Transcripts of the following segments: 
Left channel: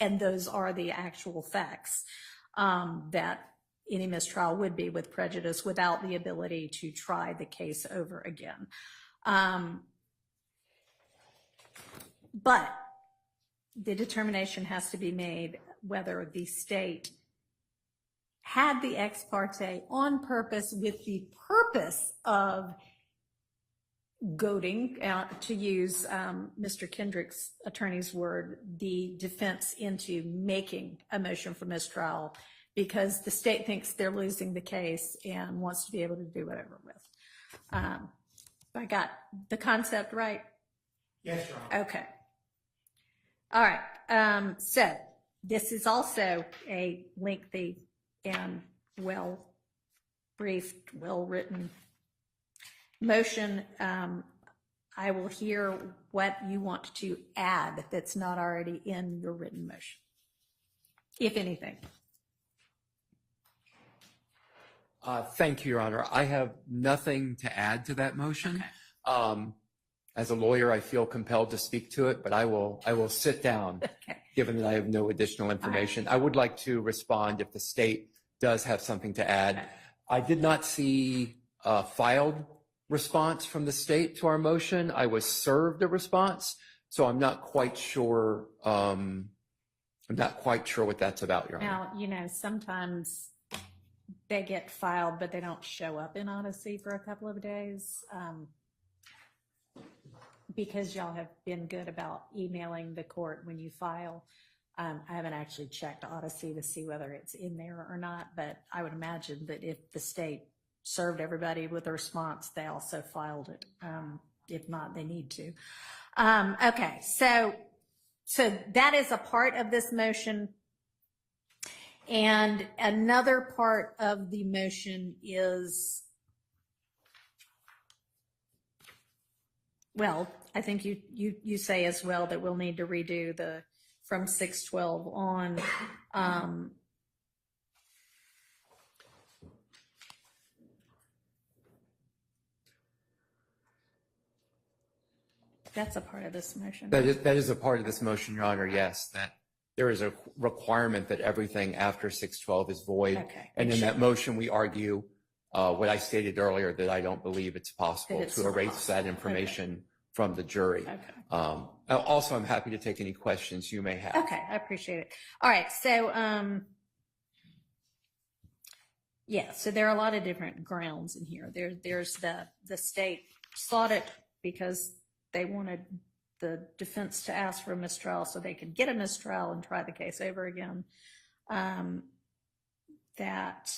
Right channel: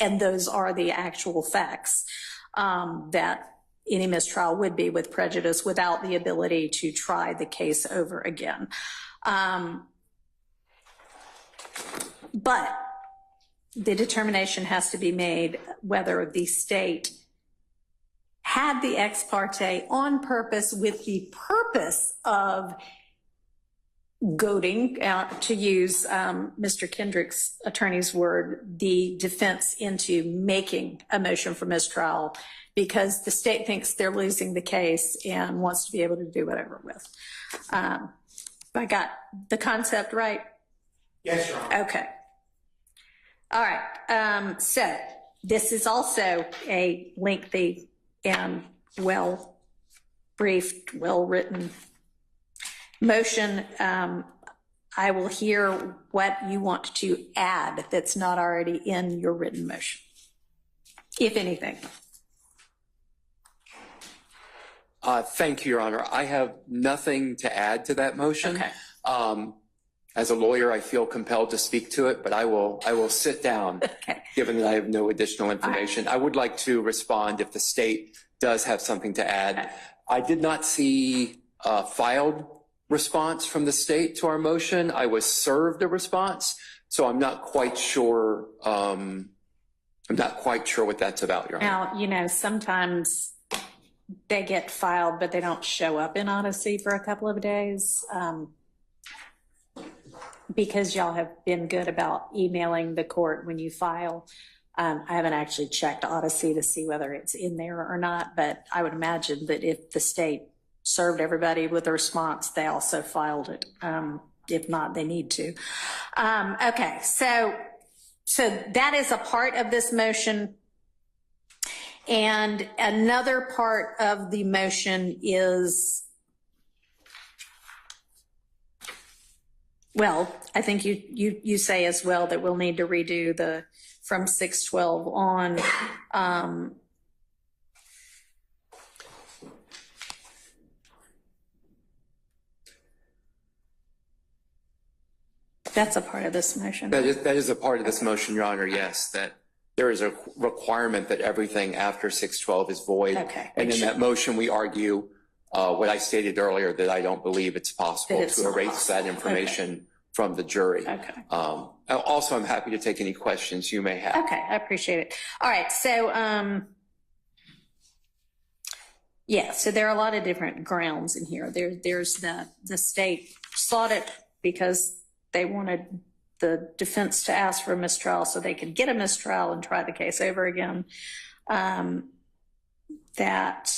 and those are the actual facts, that any mistrial would be with prejudice without the ability to try the case over again. But the determination has to be made whether the state had the ex parte on purpose with the purpose of goading, to use Mr. Kendrick's attorney's word, the defense into making a motion for mistrial because the state thinks they're losing the case and wants to be able to do whatever with. I got the concept right? Yes, Your Honor. Okay. All right. So this is also a lengthy and well-briefed, well-written motion. I will hear what you want to add that's not already in your written motion, if anything. Thank you, Your Honor. I have nothing to add to that motion. Okay. As a lawyer, I feel compelled to speak to it, but I will sit down, Okay. given that I have no additional information. I would like to respond if the state does have something to add. Okay. I did not see a filed response from the state to our motion. I was served a response, so I'm not quite sure. I'm not quite sure what that's about, Your Honor. Now, you know, sometimes they get filed, but they don't show up in Odyssey for a couple of days. Because y'all have been good about emailing the court when you file. I haven't actually checked Odyssey to see whether it's in there or not, but I would imagine that if the state served everybody with a response, they also filed it. If not, they need to. Okay, so that is a part of this motion. And another part of the motion is, well, I think you say as well that we'll need to redo the from 612 on. That's a part of this motion. That is a part of this motion, Your Honor, yes, that there is a requirement that everything after 612 is void. Okay. And in that motion, we argue what I stated earlier, that I don't believe it's possible to erase that information from the jury. Okay. Also, I'm happy to take any questions you may have. Okay, I appreciate it. All right, so yeah, so there are a lot of different grounds in here. There's the state sought it because they wanted the defense to ask for a mistrial so they could get a mistrial and try the case over again. That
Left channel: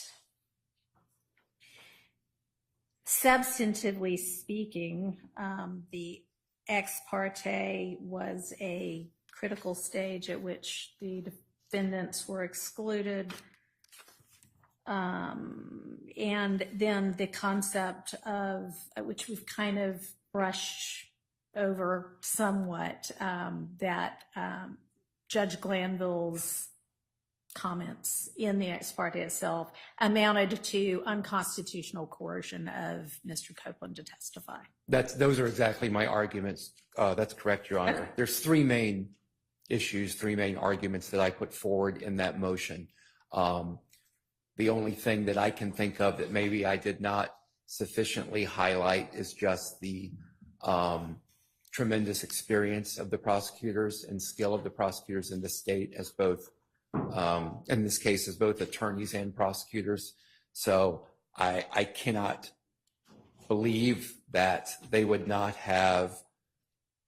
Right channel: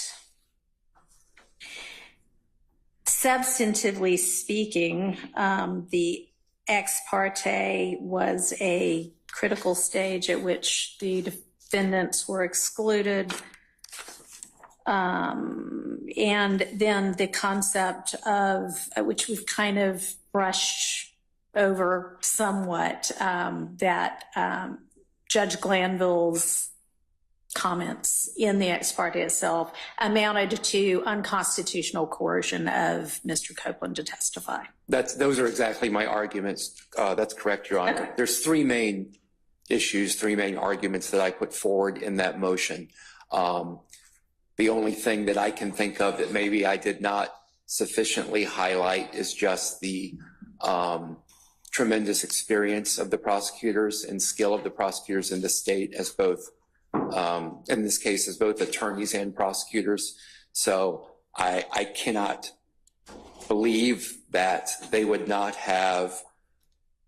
substantively speaking, the ex parte was a critical stage at which the defendants were excluded. And then the concept of, which we've kind of brushed over somewhat, that Judge Glanville's comments in the ex parte itself amounted to unconstitutional coercion of Mr. Copeland to testify. Those are exactly my arguments. That's correct, Your Honor. Okay. There's three main issues, three main arguments that I put forward in that motion. The only thing that I can think of that maybe I did not sufficiently highlight is just the tremendous experience of the prosecutors and skill of the prosecutors in the state as both, in this case, as both attorneys and prosecutors. So I cannot believe that they would not have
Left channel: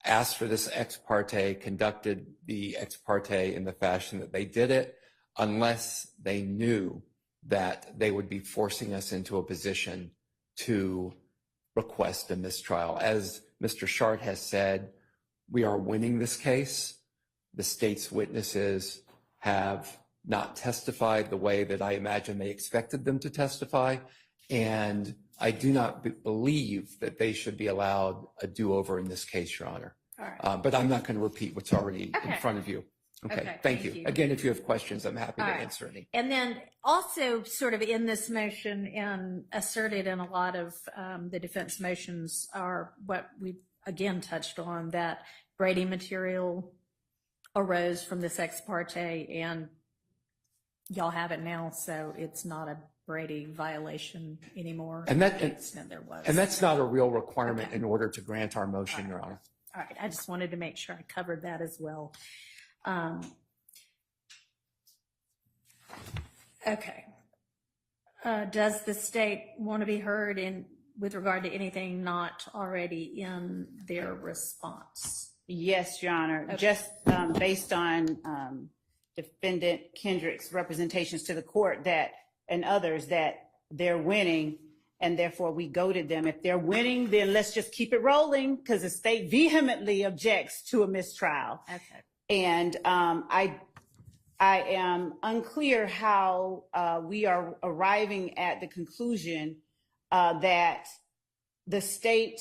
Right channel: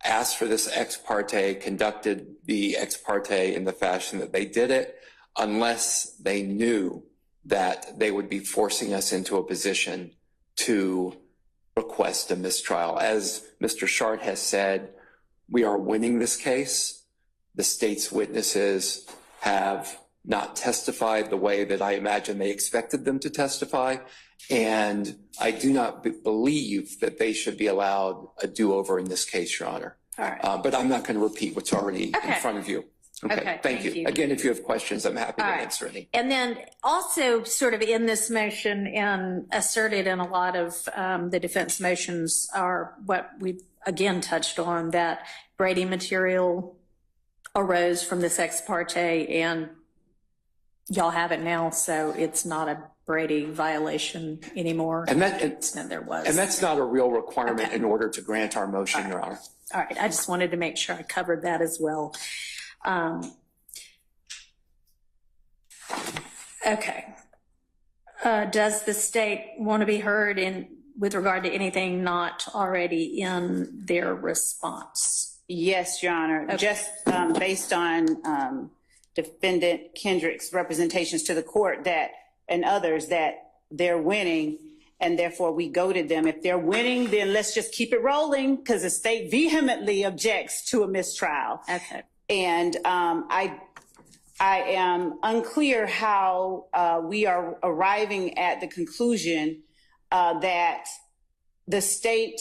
asked for this ex parte, conducted the ex parte in the fashion that they did it, unless they knew that they would be forcing us into a position to request a mistrial. As Mr. Shart has said, we are winning this case. The state's witnesses have not testified the way that I imagine they expected them to testify. And I do not believe that they should be allowed a do-over in this case, Your Honor. All right. But I'm not going to repeat what's already in front of you. Okay, thank you. Again, if you have questions, I'm happy to answer any. And then also sort of in this motion and asserted in a lot of the defense motions are what we again touched on, that Brady material arose from this ex parte, and y'all have it now, so it's not a Brady violation anymore. And there was. And that's not a real requirement Okay. in order to grant our motion, Your Honor. All right, I just wanted to make sure I covered that as well. Okay. Does the state want to be heard with regard to anything not already in their response? Yes, Your Honor. Okay. Just based on Defendant Kendrick's representations to the court and others that they're winning, and therefore we goaded them. If they're winning, then let's just keep it rolling, because the state vehemently objects to a mistrial. Okay. And I am unclear how we are arriving at the conclusion that the state,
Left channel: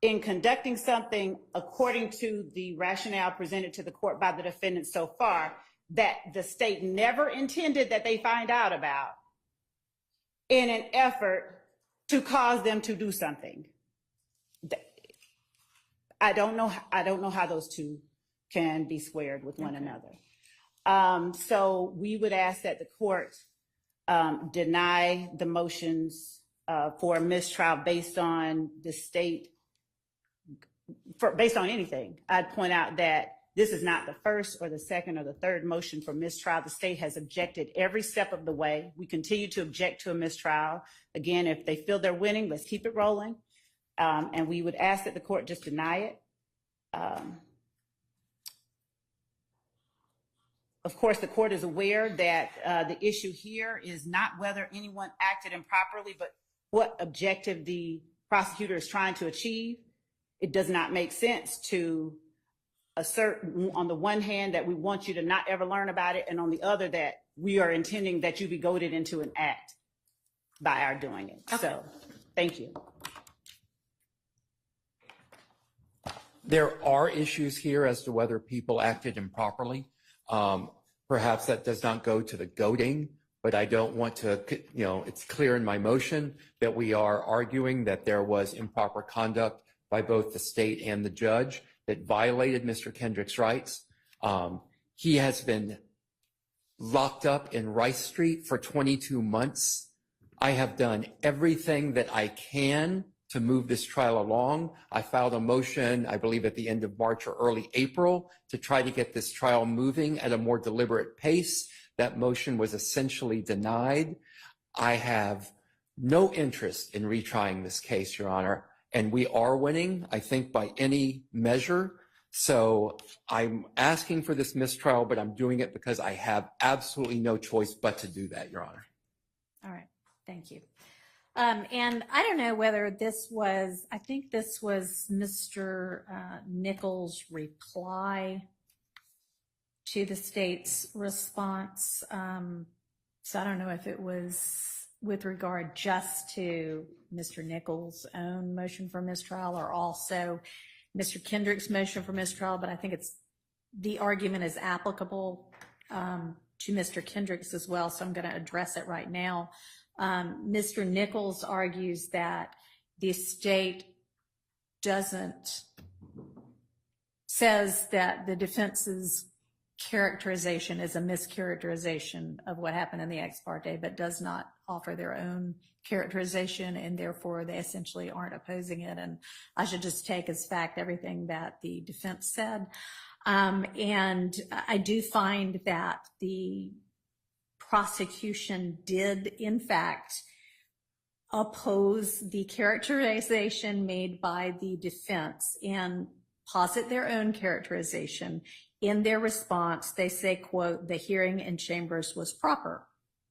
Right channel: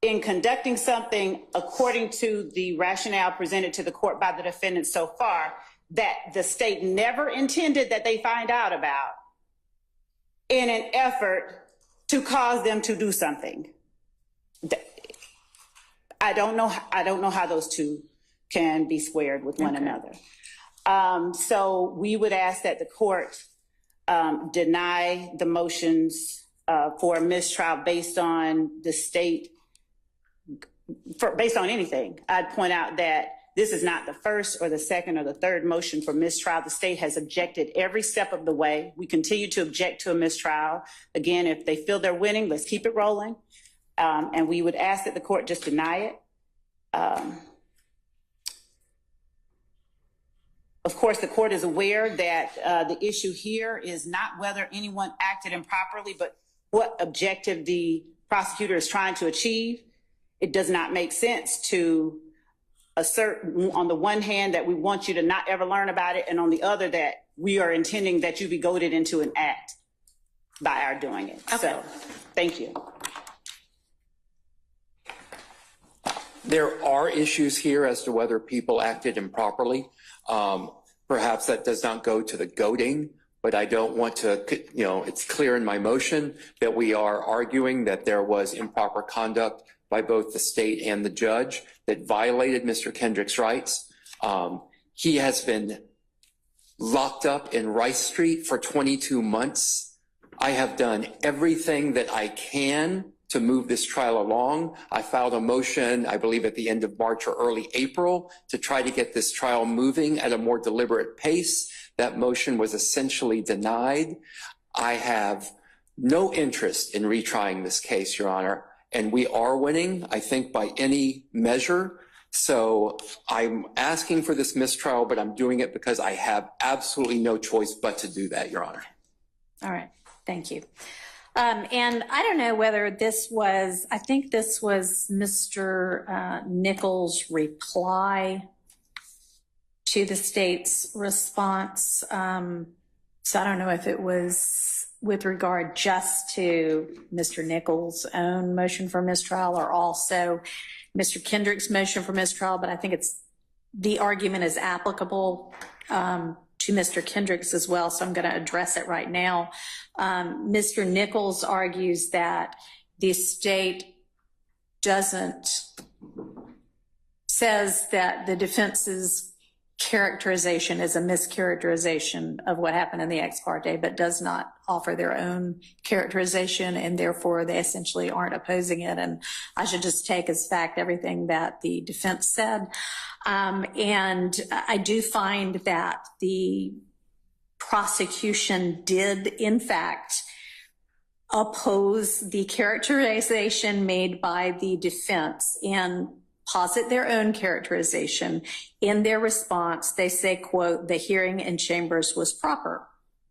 in conducting something according to the rationale presented to the court by the defendant so far, that the state never intended that they find out about, in an effort to cause them to do something. I don't know how those two can be squared with one another. So we would ask that the court deny the motions for a mistrial based on the state, based on anything. I'd point out that this is not the first or the second or the third motion for mistrial. The state has objected every step of the way. We continue to object to a mistrial. Again, if they feel they're winning, let's keep it rolling. And we would ask that the court just deny it. Of course, the court is aware that the issue here is not whether anyone acted improperly, but what objective the prosecutor is trying to achieve. It does not make sense to assert on the one hand that we want you to not ever learn about it, and on the other that we are intending that you be goaded into an act by our doing it. Okay. So, thank you. There are issues here as to whether people acted improperly. Perhaps that does not go to the goading, but I don't want to, it's clear in my motion that we are arguing that there was improper conduct by both the state and the judge that violated Mr. Kendrick's rights. He has been locked up in Rice Street for 22 months. I have done everything that I can to move this trial along. I filed a motion, I believe at the end of March or early April, to try to get this trial moving at a more deliberate pace. That motion was essentially denied. I have no interest in retrying this case, Your Honor, and we are winning, I think, by any measure. So I'm asking for this mistrial, but I'm doing it because I have absolutely no choice but to do that, Your Honor. All right, thank you. And I don't know whether this was, I think this was Mr. Nichols' reply to the state's response. So I don't know if it was with regard just to Mr. Nichols' own motion for mistrial or also Mr. Kendrick's motion for mistrial, but I think the argument is applicable to Mr. Kendrick's as well, so I'm going to address it right now. Mr. Nichols argues that the state says that the defense's characterization is a mischaracterization of what happened in the ex parte, but does not offer their own characterization, and therefore they essentially aren't opposing it. And I should just take as fact everything that the defense said. And I do find that the prosecution did, in fact, oppose the characterization made by the defense and posit their own characterization. In their response, they say, quote, "The hearing in chambers was proper,"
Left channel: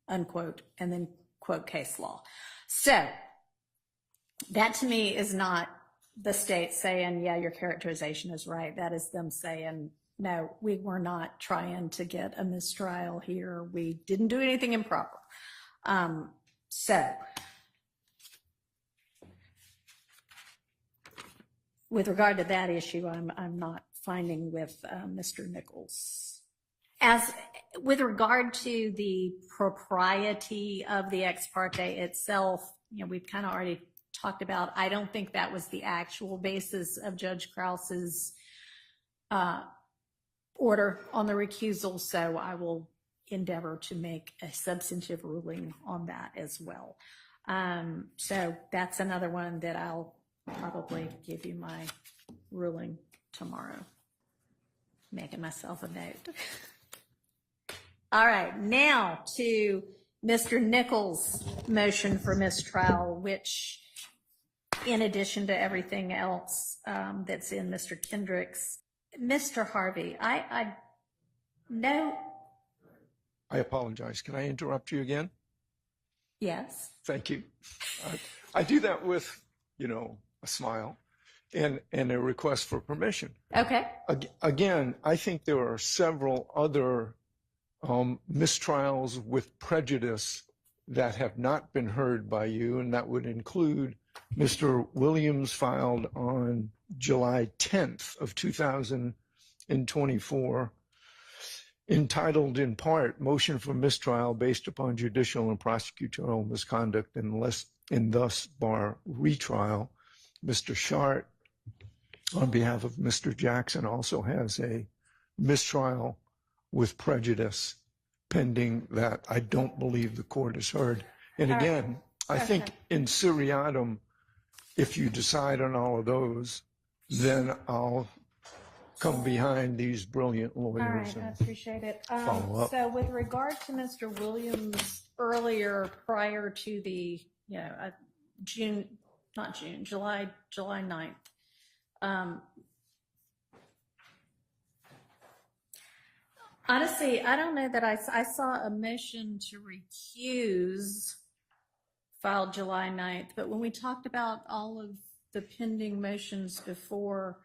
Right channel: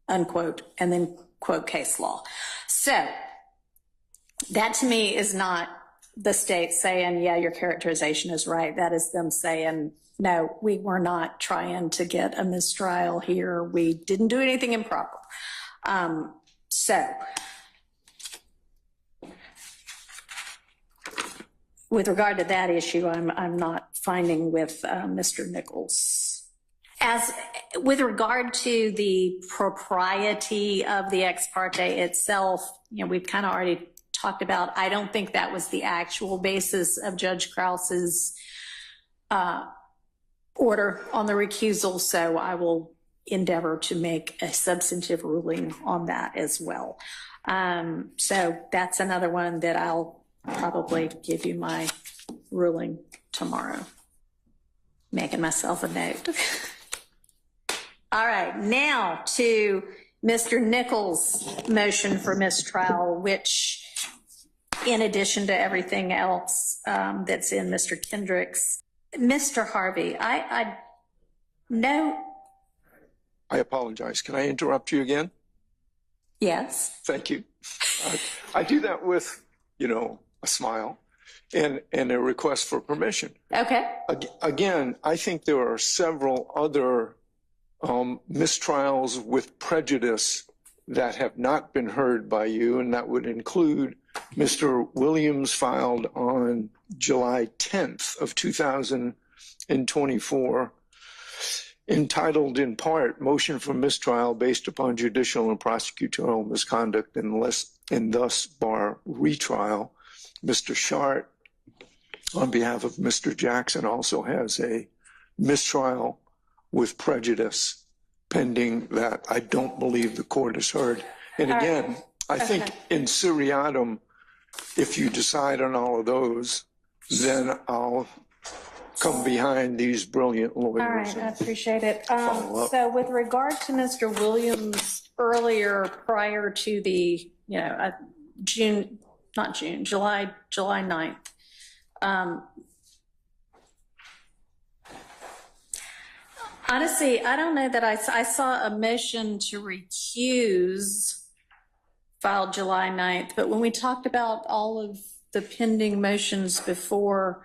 unquote, and then quote case law. So that to me is not the state saying, yeah, your characterization is right. That is them saying, no, we were not trying to get a mistrial here. We didn't do anything improper. So with regard to that issue, I'm not finding with Mr. Nichols. As with regard to the propriety of the ex parte itself, we've kind of already talked about, I don't think that was the actual basis of Judge Krause's order on the recusal, so I will endeavor to make a substantive ruling on that as well. So that's another one that I'll probably give you my ruling tomorrow. Making myself a note. All right, now to Mr. Nichols' motion for mistrial, which, in addition to everything else that's in Mr. Kendrick's. Mr. Harvey, I know. I apologize. Can I interrupt you again? Yes. Thank you. I do that with, a smile and a request for permission. Okay. Again, I think there are several other mistrials with prejudice that have not been heard by you, and that would include Mr. Williams filed on July 10th of 2024, entitled in part, Motion for Mistrial Based Upon Judicial and Prosecutorial Misconduct and thus bar retrial. Mr. Shart, on behalf of Mr. Jackson, also has a mistrial with prejudice pending that I don't believe the court has heard. And again, I think in seriatim, if you decide on all of those, then I'll come behind these brilliant lawyers. All right, I appreciate it. Follow up. So with regard to Mr. Williams earlier, prior to the, July 9th, honestly, I don't know that I saw a motion to recuse filed July 9th, but when we talked about all of the pending motions before,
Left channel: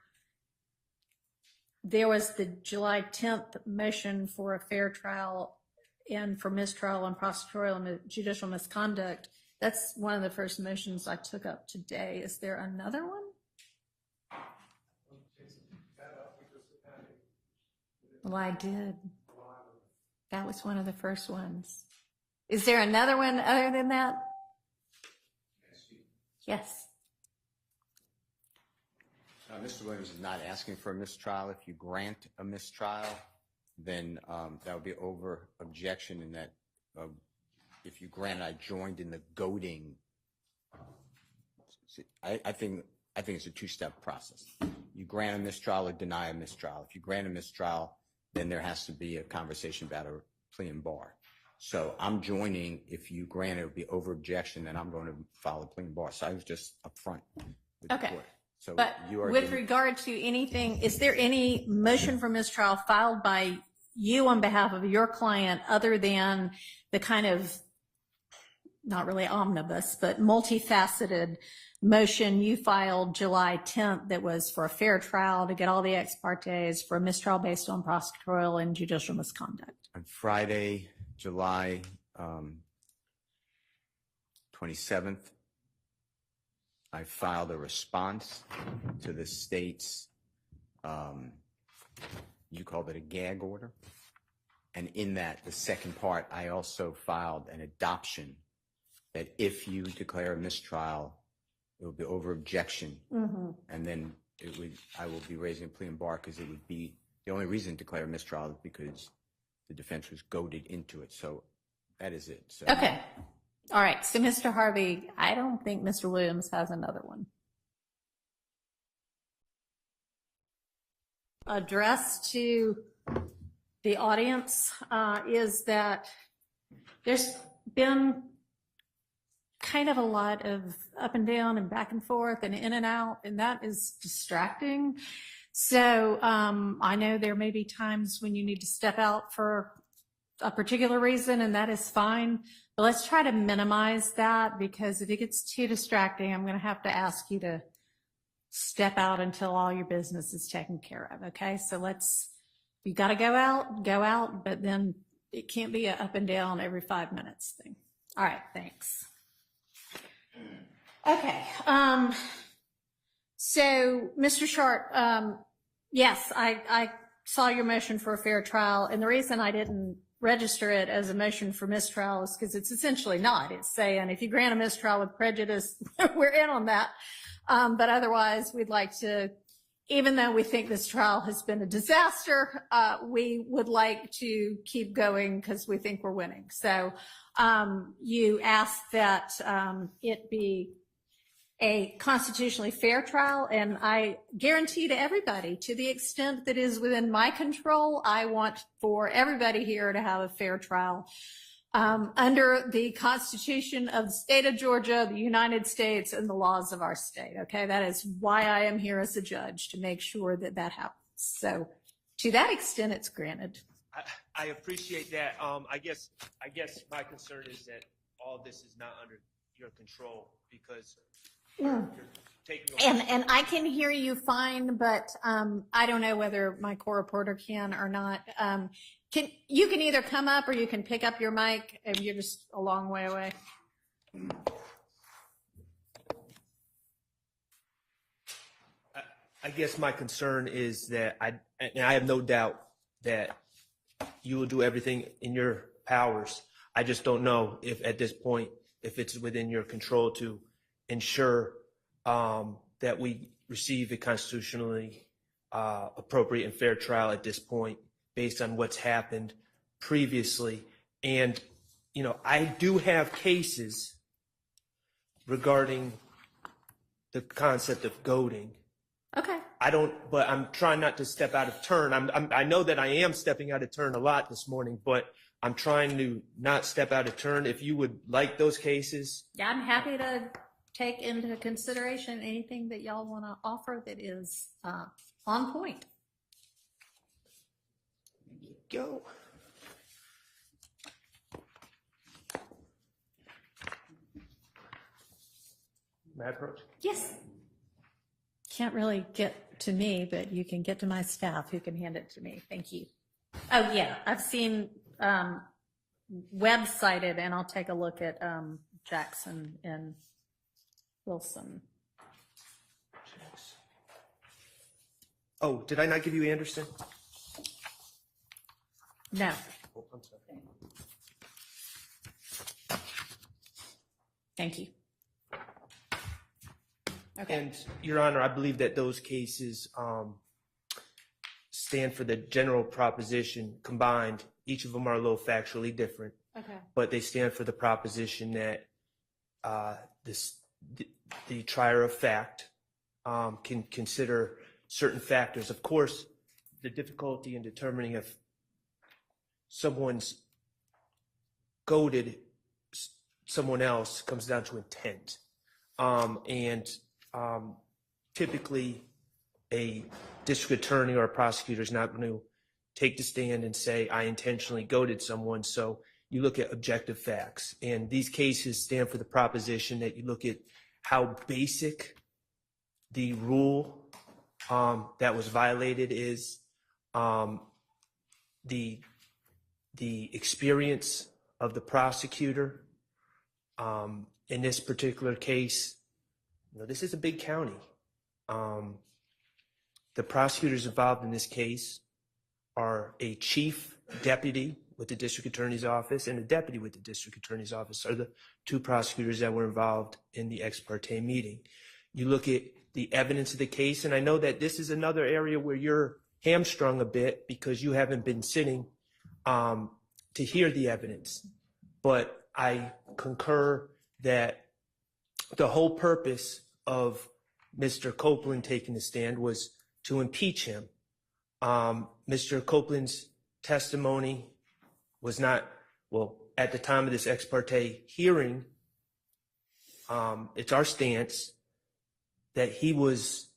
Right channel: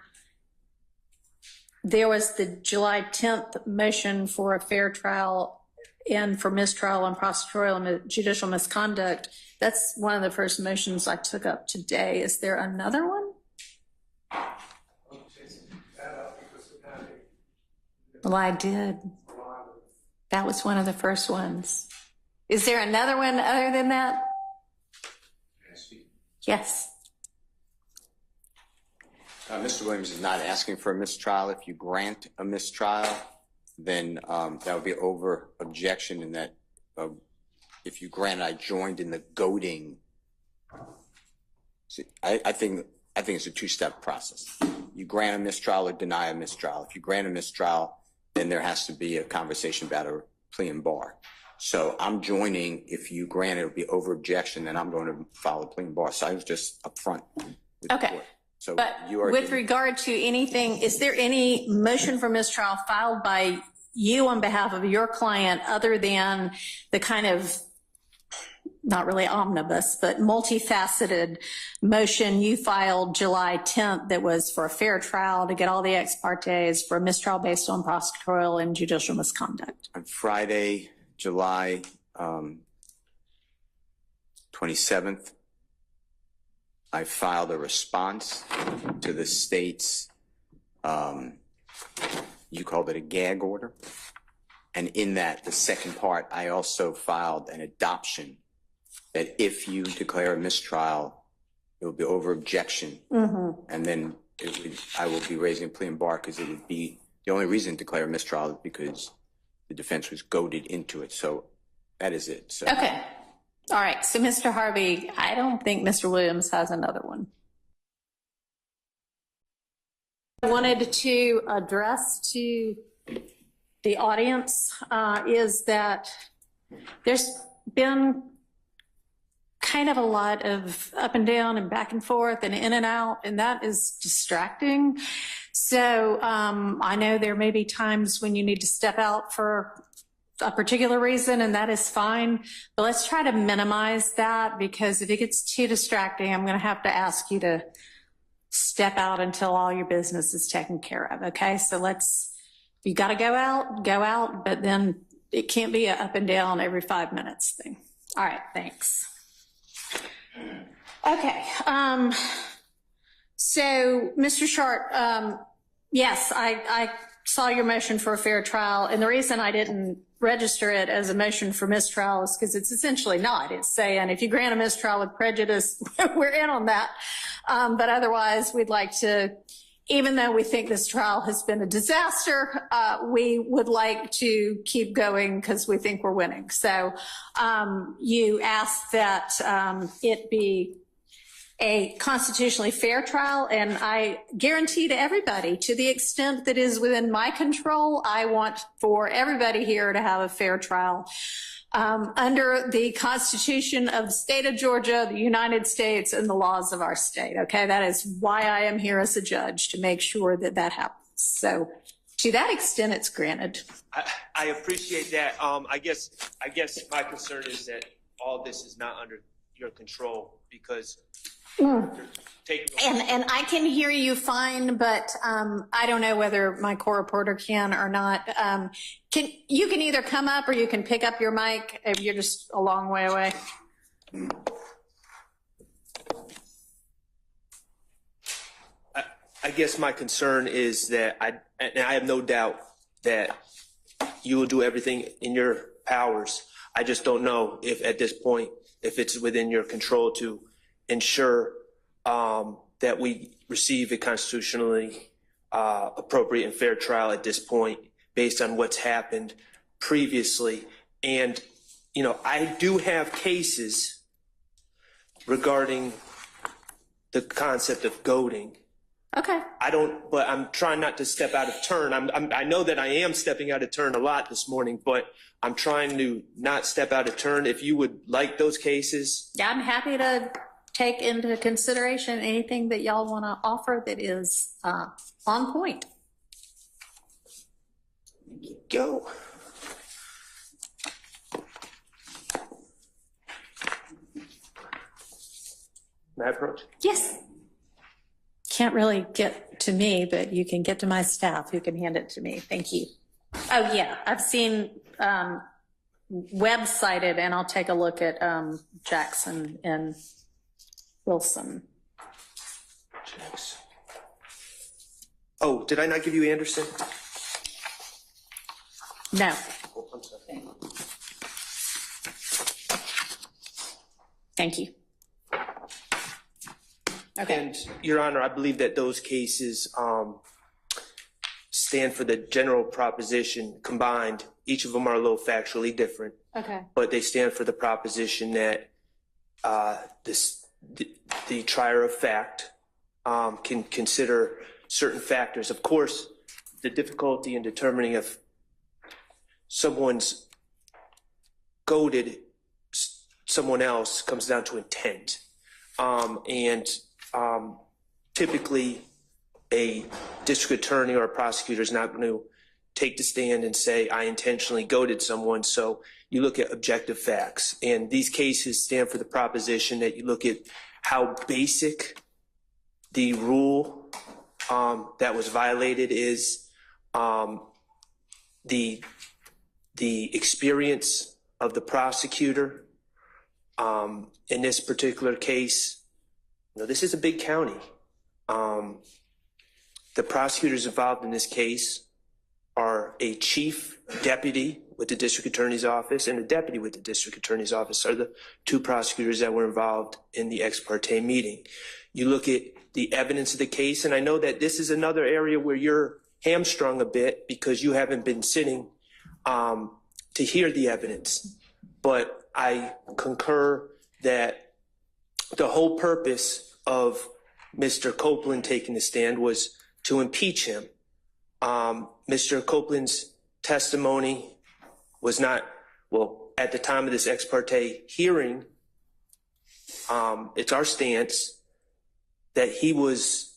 there was the July 10th motion for a fair trial and for mistrial on prosecutorial and judicial misconduct. That's one of the first motions I took up today. Is there another one? Well, I did. That was one of the first ones. Is there another one other than that? Yes. Mr. Williams is not asking for a mistrial. If you grant a mistrial, then that would be over objection, in that if you grant, I joined in the goading. See, I think it's a two-step process. You grant a mistrial or deny a mistrial. If you grant a mistrial, then there has to be a conversation about a plea and bar. So I'm joining. If you grant it, it'll be over objection, then I'm going to file a plea and bar. So I was just upfront with the court. So but you are with regard to anything, is there any motion for mistrial filed by you on behalf of your client other than the kind of, not really omnibus, but multifaceted motion you filed July 10th that was for a fair trial to get all the ex partes for a mistrial based on prosecutorial and judicial misconduct? On Friday, July 27th, I filed a response to the state's, you called it a gag order. And in that, the second part, I also filed an adoption that if you declare a mistrial, it will be over objection. And then I will be raising a plea and bar, because it would be, the only reason to declare a mistrial is because the defense was goaded into it. So that is it. So. Okay. All right. So, Mr. Harvey, I don't think Mr. Williams has another one. I wanted to address to the audience is that there's been kind of a lot of up and down and back and forth and in and out, and that is distracting. So I know there may be times when you need to step out for a particular reason, and that is fine. But let's try to minimize that, because if it gets too distracting, I'm going to have to ask you to step out until all your business is taken care of. Okay, so you got to go out, but then it can't be an up and down every 5 minutes thing. All right, thanks. Okay, so Mr. Short, yes, I saw your motion for a fair trial, and the reason I didn't register it as a motion for mistrial is because it's essentially not. It's saying if you grant a mistrial with prejudice, we're in on that. But otherwise, we'd like to even though we think this trial has been a disaster, we would like to keep going because we think we're winning. So you asked that it be a constitutionally fair trial, and I guarantee to everybody, to the extent that is within my control, I want for everybody here to have a fair trial under the Constitution of the state of Georgia, the United States, and the laws of our state. Okay, that is why I am here as a judge, to make sure that that happens. So to that extent, it's granted. I appreciate that. I guess my concern is that all this is not under your control because you're taking And I can hear you fine, but I don't know whether my co-reporter can or not. You can either come up or you can pick up your mic if you're just a long way away. I guess my concern is that I have no doubt that you will do everything in your powers. I just don't know if at this point, if it's within your control to ensure that we receive a constitutionally appropriate and fair trial at this point based on what's happened previously. And, you know, I do have cases regarding the concept of goading. Okay. But I'm trying not to step out of turn. I know that I am stepping out of turn a lot this morning, but I'm trying to not step out of turn. If you would like those cases. Yeah, I'm happy to take into consideration anything that y'all want to offer that is on point. Go. May I approach? Yes. Can't really get to me, but you can get to my staff who can hand it to me. Thank you. Oh, yeah. I've seen web-cited, and I'll take a look at Jackson and Wilson. Oh, did I not give you Anderson? No. Oh, I'm sorry. Thank you. Okay. And Your Honor, I believe that those cases stand for the general proposition combined. Each of them are a little factually different. Okay. But they stand for the proposition that the trier of fact can consider certain factors. Of course, the difficulty in determining if someone's goaded someone else comes down to intent. Typically, a district attorney or a prosecutor is not going to take the stand and say, I intentionally goaded someone. So you look at objective facts. And these cases stand for the proposition that you look at how basic the rule that was violated is, the experience of the prosecutor. In this particular case, you know, this is a big county. The prosecutors involved in this case are a chief deputy with the district attorney's office and a deputy with the district attorney's office are the two prosecutors that were involved in the ex parte meeting. You look at the evidence of the case, and I know that this is another area where you're hamstrung a bit because you haven't been sitting to hear the evidence. But I concur that the whole purpose of Mr. Copeland taking the stand was to impeach him. Mr. Copeland's testimony was not, well, at the time of this ex parte hearing, it's our stance that he was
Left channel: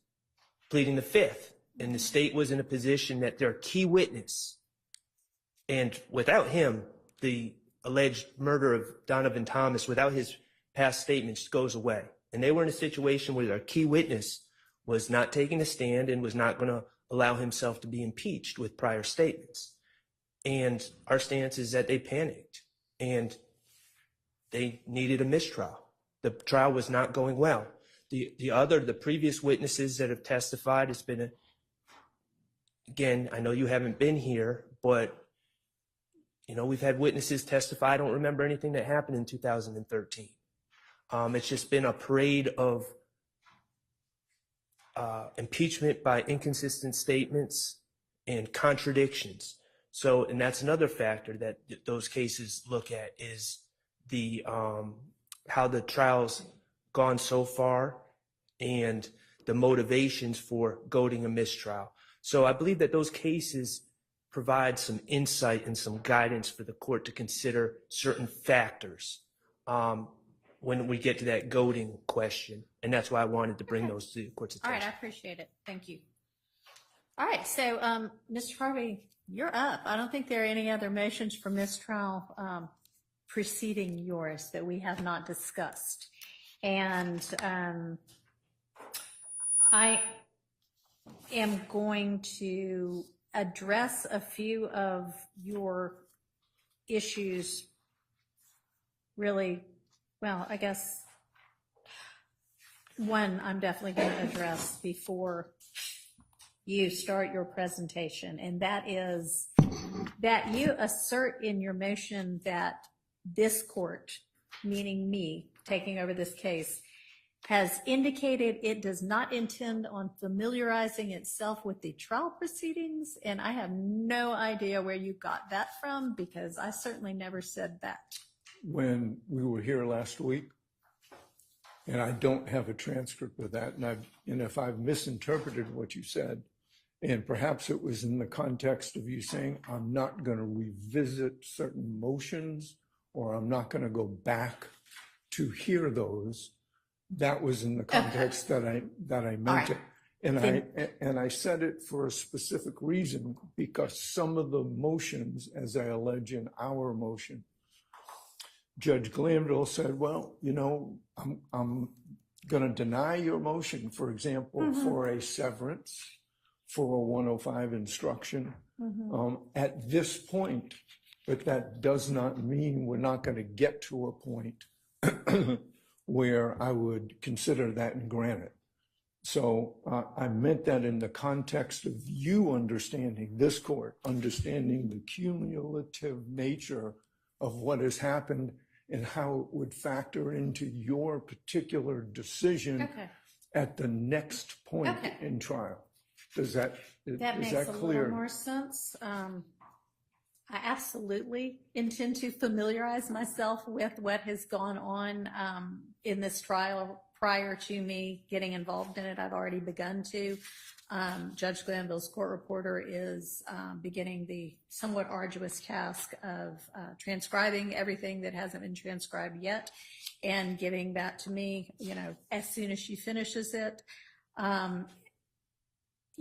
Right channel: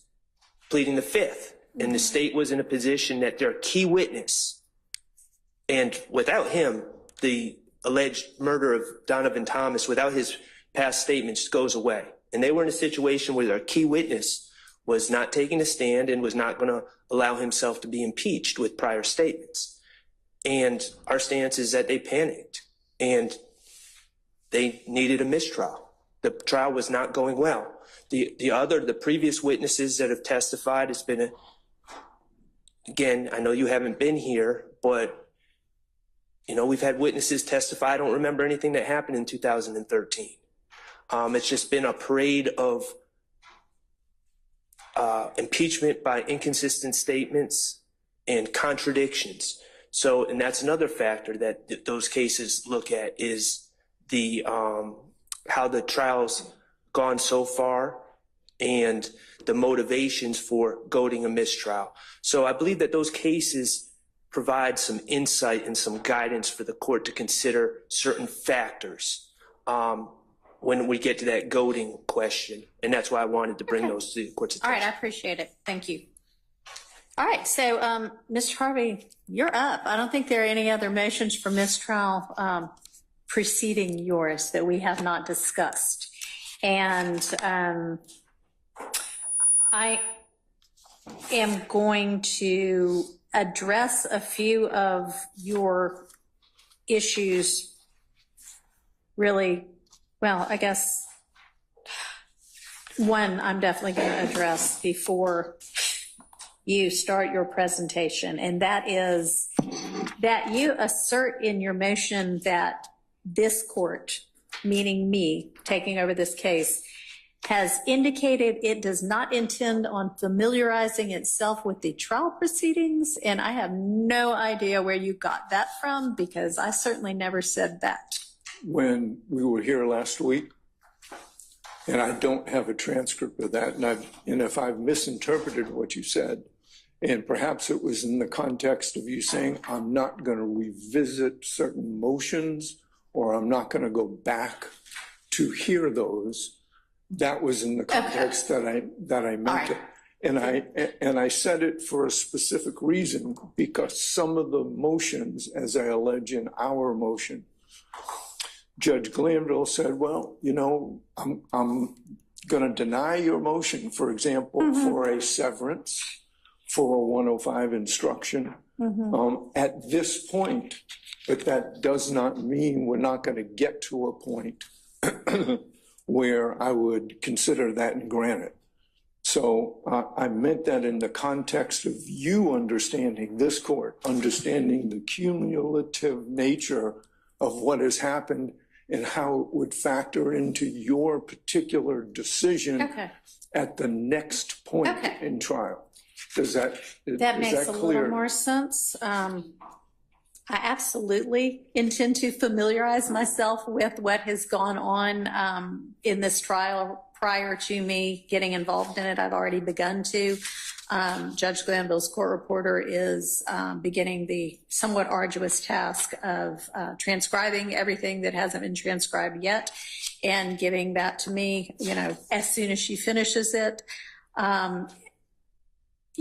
pleading the fifth, and the state was in a position that their key witness, and without him, the alleged murder of Donovan Thomas, without his past statements, goes away. And they were in a situation where their key witness was not taking a stand and was not going to allow himself to be impeached with prior statements. And our stance is that they panicked and they needed a mistrial. The trial was not going well. The previous witnesses that have testified, it's been again, I know you haven't been here, but you know, we've had witnesses testify. I don't remember anything that happened in 2013. It's just been a parade of impeachment by inconsistent statements and contradictions. So, and that's another factor that those cases look at is the how the trial's gone so far and the motivations for goading a mistrial. So I believe that those cases provide some insight and some guidance for the court to consider certain factors when we get to that goading question. And that's why I wanted to bring those to the court's attention. All right, I appreciate it. Thank you. All right, so Mr. Harvey, you're up. I don't think there are any other motions for mistrial preceding yours that we have not discussed. And I am going to address a few of your issues really, well, I guess one I'm definitely going to address before you start your presentation, and that is that you assert in your motion that this court, meaning me taking over this case, has indicated it does not intend on familiarizing itself with the trial proceedings, and I have no idea where you got that from, because I certainly never said that. When we were here last week, and I don't have a transcript of that, and if I've misinterpreted what you said, and perhaps it was in the context of you saying, I'm not going to revisit certain motions, or I'm not going to go back to hear those. That was in the context that I meant it. And I said it for a specific reason, because some of the motions, as I allege in our motion, Judge Glanville said, well, you know, I'm going to deny your motion, for example, for a severance, for a 105 instruction at this point, but that does not mean we're not going to get to a point where I would consider that and grant it. So I meant that in the context of you understanding, this court, understanding the cumulative nature of what has happened and how it would factor into your particular decision at the next point in trial. Does that, that makes a little more sense. I absolutely intend to familiarize myself with what has gone on in this trial prior to me getting involved in it. I've already begun to. Judge Glanville's court reporter is beginning the somewhat arduous task of transcribing everything that hasn't been transcribed yet and giving that to me, you know, as soon as she finishes it.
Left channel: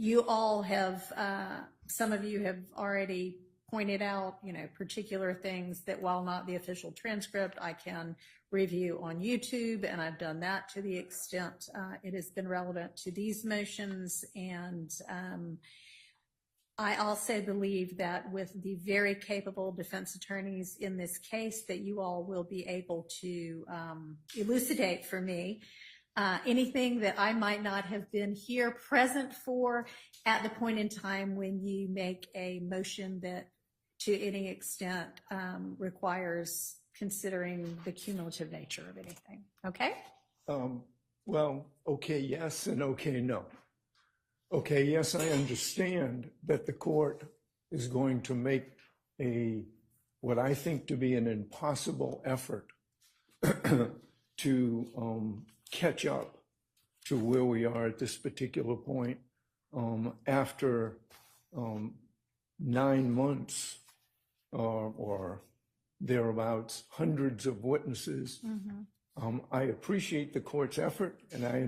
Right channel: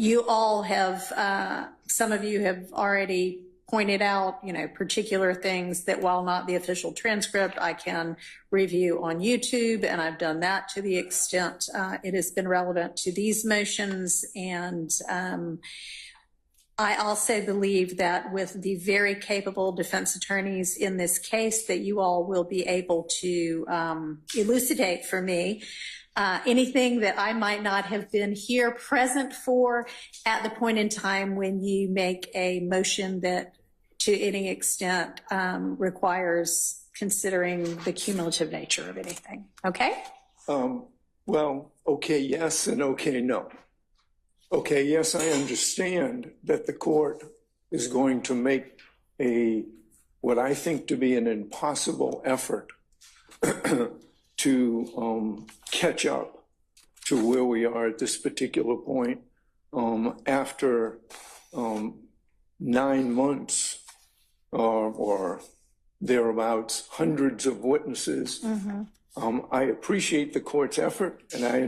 You all have, some of you have already pointed out, you know, particular things that, while not the official transcript, I can review on YouTube, and I've done that to the extent it has been relevant to these motions. And I also believe that with the very capable defense attorneys in this case, that you all will be able to elucidate for me anything that I might not have been here present for at the point in time when you make a motion that to any extent requires considering the cumulative nature of anything. Okay? Well, okay, yes, and okay, no. Okay, yes, I understand that the court is going to make what I think to be an impossible effort to catch up to where we are at this particular point after 9 months or thereabouts, hundreds of witnesses. I appreciate the court's effort, and I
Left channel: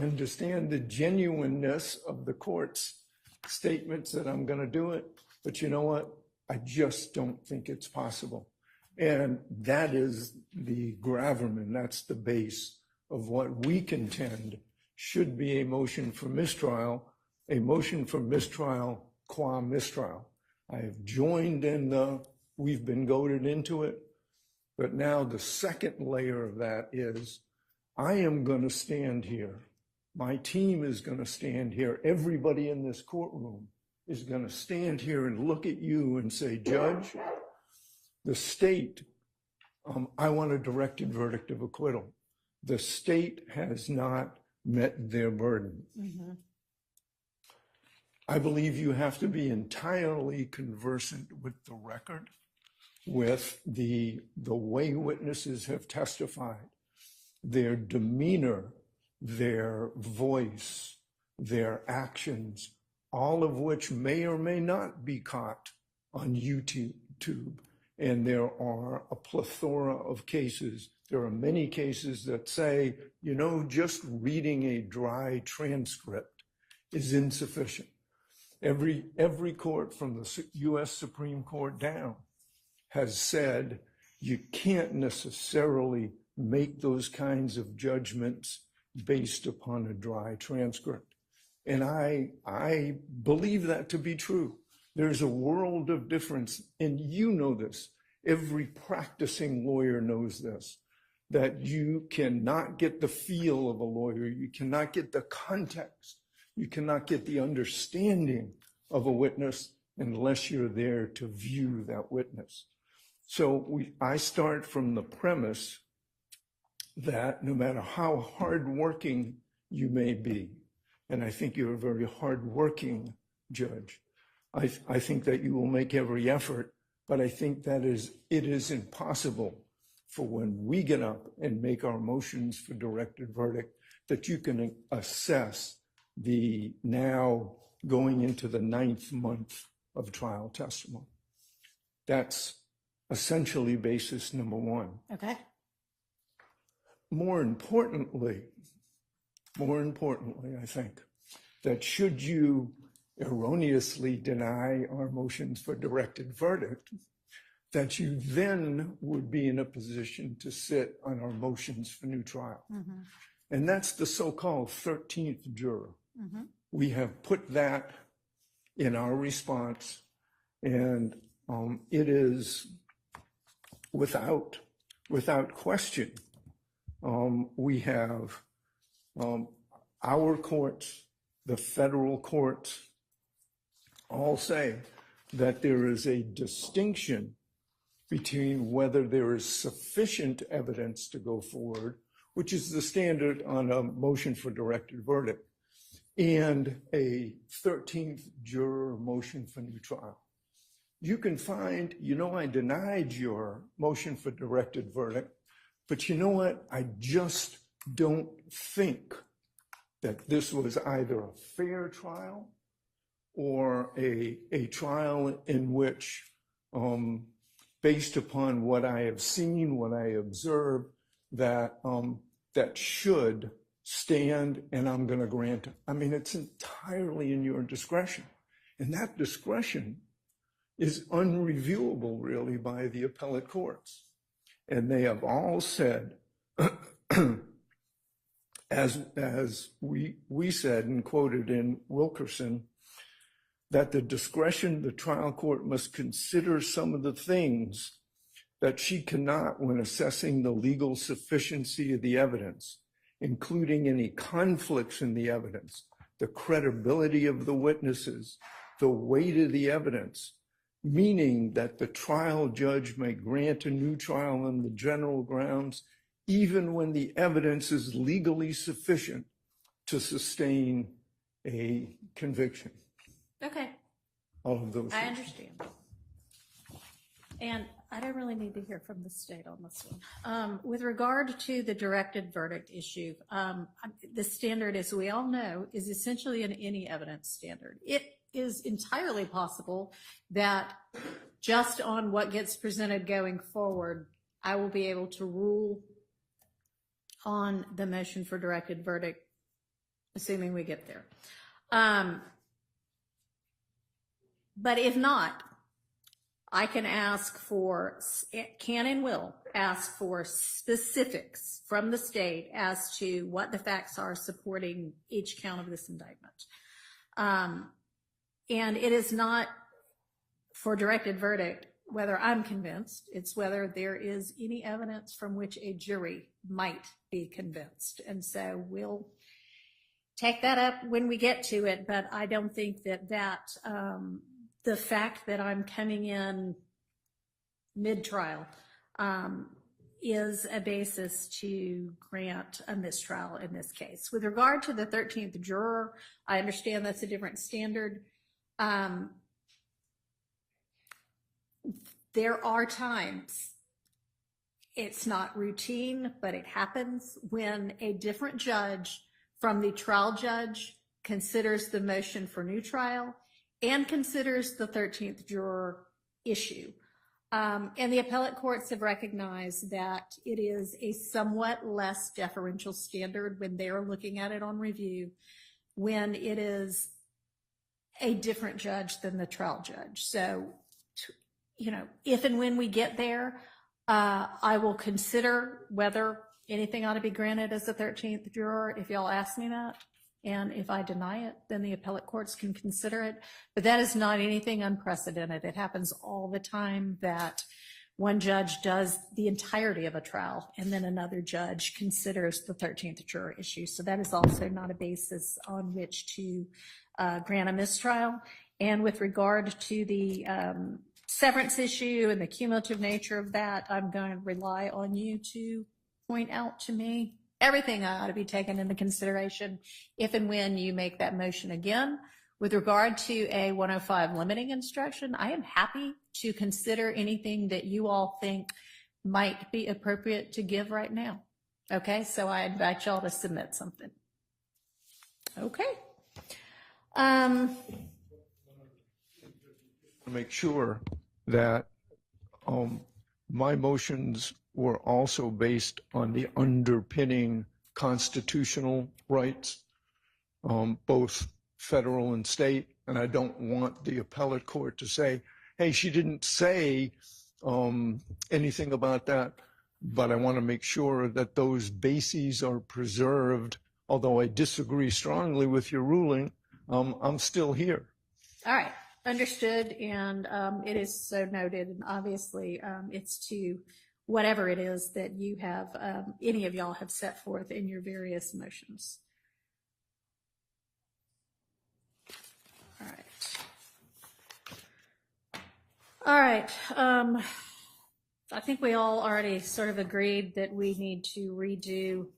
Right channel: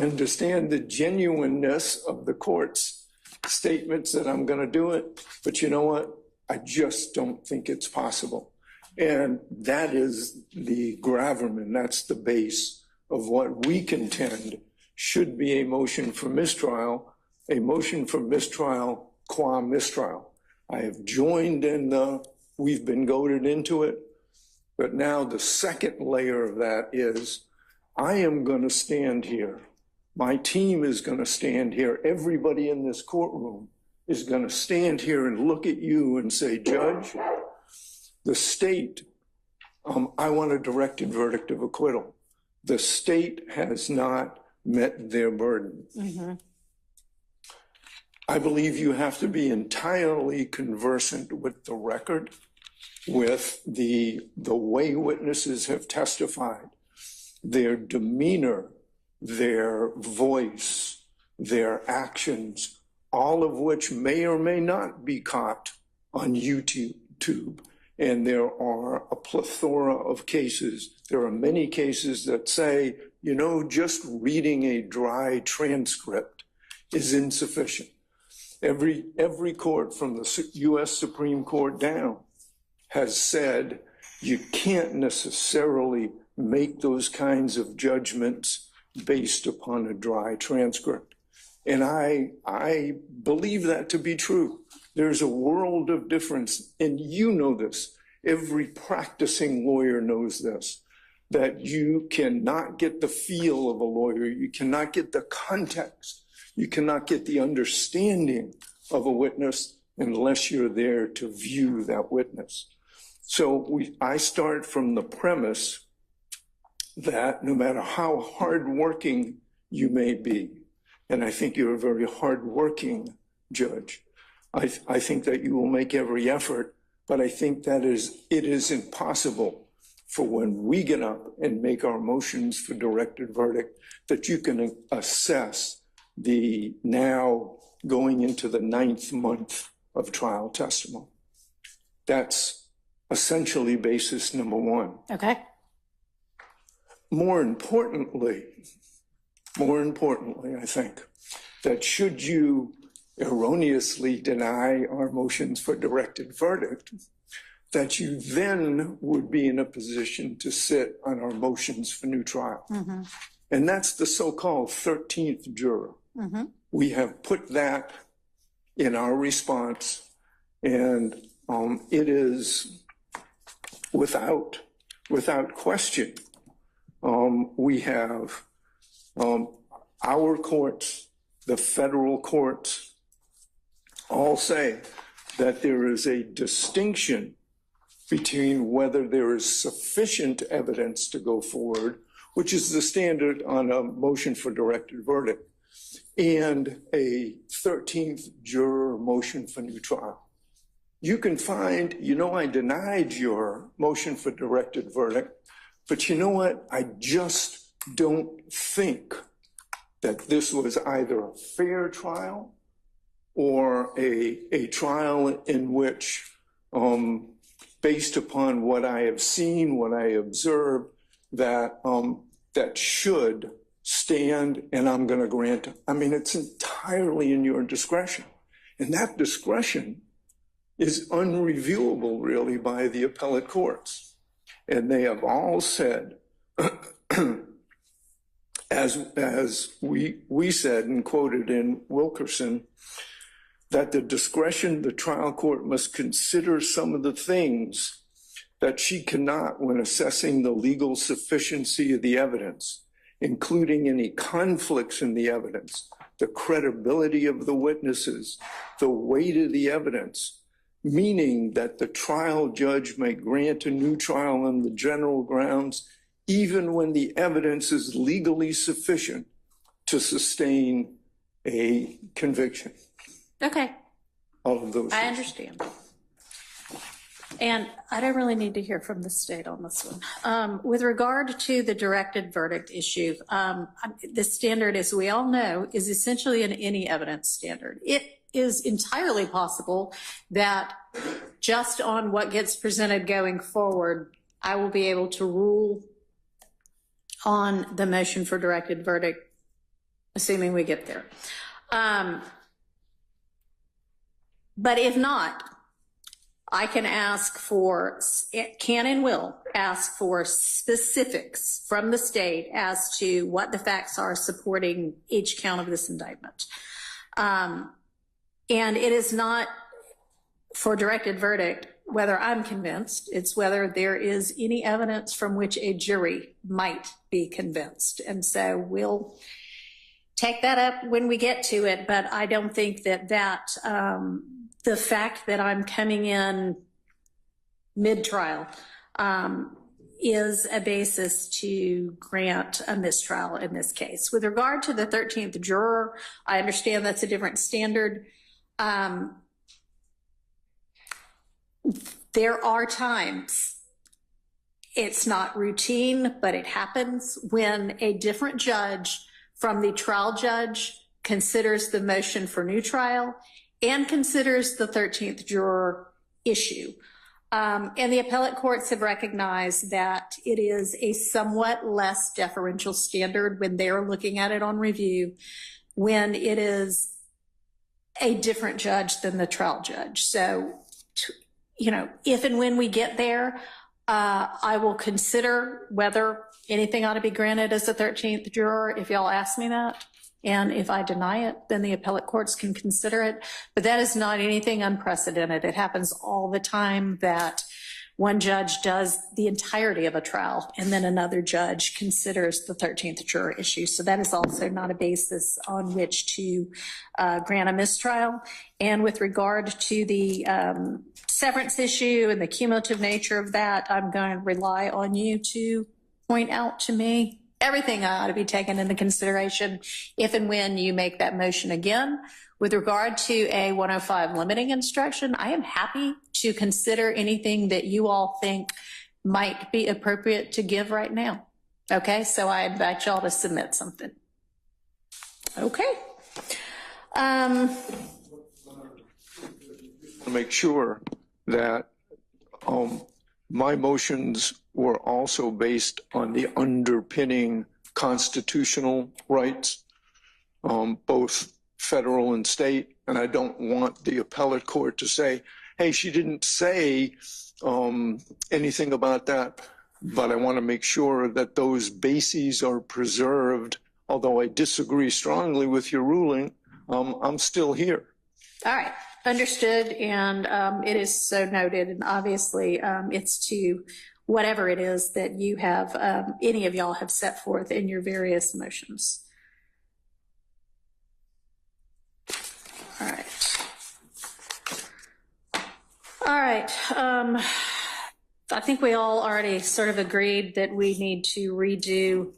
understand the genuineness of the court's statements that I'm going to do it, but you know what? I just don't think it's possible. And that is the gravamen, that's the base of what we contend should be a motion for mistrial qua mistrial. I have joined in we've been goaded into it, but now the second layer of that is I am going to stand here. My team is going to stand here. Everybody in this courtroom is going to stand here and look at you and say, Judge, the state, I want a directed verdict of acquittal. The state has not met their burden. I believe you have to be entirely conversant with the record, with the way witnesses have testified, their demeanor, their voice, their actions, all of which may or may not be caught on YouTube. And there are a plethora of cases. There are many cases that say, you know, just reading a dry transcript is insufficient. Every court from the U.S. Supreme Court down has said you can't necessarily make those kinds of judgments based upon a dry transcript. And I believe that to be true. There's a world of difference, and you know this. Every practicing lawyer knows this, that you cannot get the feel of a lawyer. You cannot get the context. You cannot get the understanding of a witness unless you're there to view that witness. So I start from the premise that no matter how hardworking you may be, and I think you're a very hardworking judge, I think that you will make every effort, but I think that it is impossible for when we get up and make our motions for directed verdict that you can assess the now going into the 9th month of trial testimony. That's essentially basis number one. Okay. More importantly, I think that should you erroneously deny our motions for directed verdict, that you then would be in a position to sit on our motions for new trial. And that's the so-called 13th juror. We have put that in our response, and it is without question. We have our courts, the federal courts, all say that there is a distinction between whether there is sufficient evidence to go forward, which is the standard on a motion for directed verdict, and a 13th juror motion for new trial. You can find, you know, I denied your motion for directed verdict, but you know what? I just don't think that this was either a fair trial or a trial in which, based upon what I have seen, what I observed, that should stand, and I'm going to grant it. I mean, it's entirely in your discretion. And that discretion is unreviewable, really, by the appellate courts. And they have all said, as we said and quoted in Wilkerson, that the discretion the trial court must consider some of the things that she cannot when assessing the legal sufficiency of the evidence, including any conflicts in the evidence, the credibility of the witnesses, the weight of the evidence, meaning that the trial judge may grant a new trial on the general grounds, even when the evidence is legally sufficient to sustain a conviction. Okay. All of those I things. understand. And I don't really need to hear from the state on this one. With regard to the directed verdict issue, the standard, as we all know, is essentially an any evidence standard. It is entirely possible that just on what gets presented going forward, I will be able to rule on the motion for directed verdict, assuming we get there. But if not, I can ask for, can and will ask for specifics from the state as to what the facts are supporting each count of this indictment. And it is not for directed verdict whether I'm convinced, it's whether there is any evidence from which a jury might be convinced. And so we'll take that up when we get to it, but I don't think that the fact that I'm coming in mid-trial is a basis to grant a mistrial in this case. With regard to the 13th juror, I understand that's a different standard. There are times, it's not routine, but it happens, when a different judge from the trial judge considers the motion for new trial and considers the 13th juror issue. And the appellate courts have recognized that it is a somewhat less deferential standard when they're looking at it on review, when it is a different judge than the trial judge. So, you know, if and when we get there, I will consider whether anything ought to be granted as a 13th juror, if y'all ask me that. And if I deny it, then the appellate courts can consider it. But that is not anything unprecedented. It happens all the time that one judge does the entirety of a trial and then another judge considers the 13th juror issue. So that is also not a basis on which to grant a mistrial. And with regard to the severance issue and the cumulative nature of that, I'm going to rely on you to point out to me everything ought to be taken into consideration if and when you make that motion again. With regard to a 105 limiting instruction, I am happy to consider anything that you all think might be appropriate to give right now. Okay, so I invite y'all to submit something. Okay. To make sure that my motions were also based on the underpinning constitutional rights, both federal and state. And I don't want the appellate court to say, hey, she didn't say anything about that. But I want to make sure that those bases are preserved. Although I disagree strongly with your ruling, I'm still here. All right. Understood, and it is so noted, and obviously it's to whatever it is that you have, any of y'all have set forth in your various motions. All right. All right. I think we all already sort of agreed that we need to redo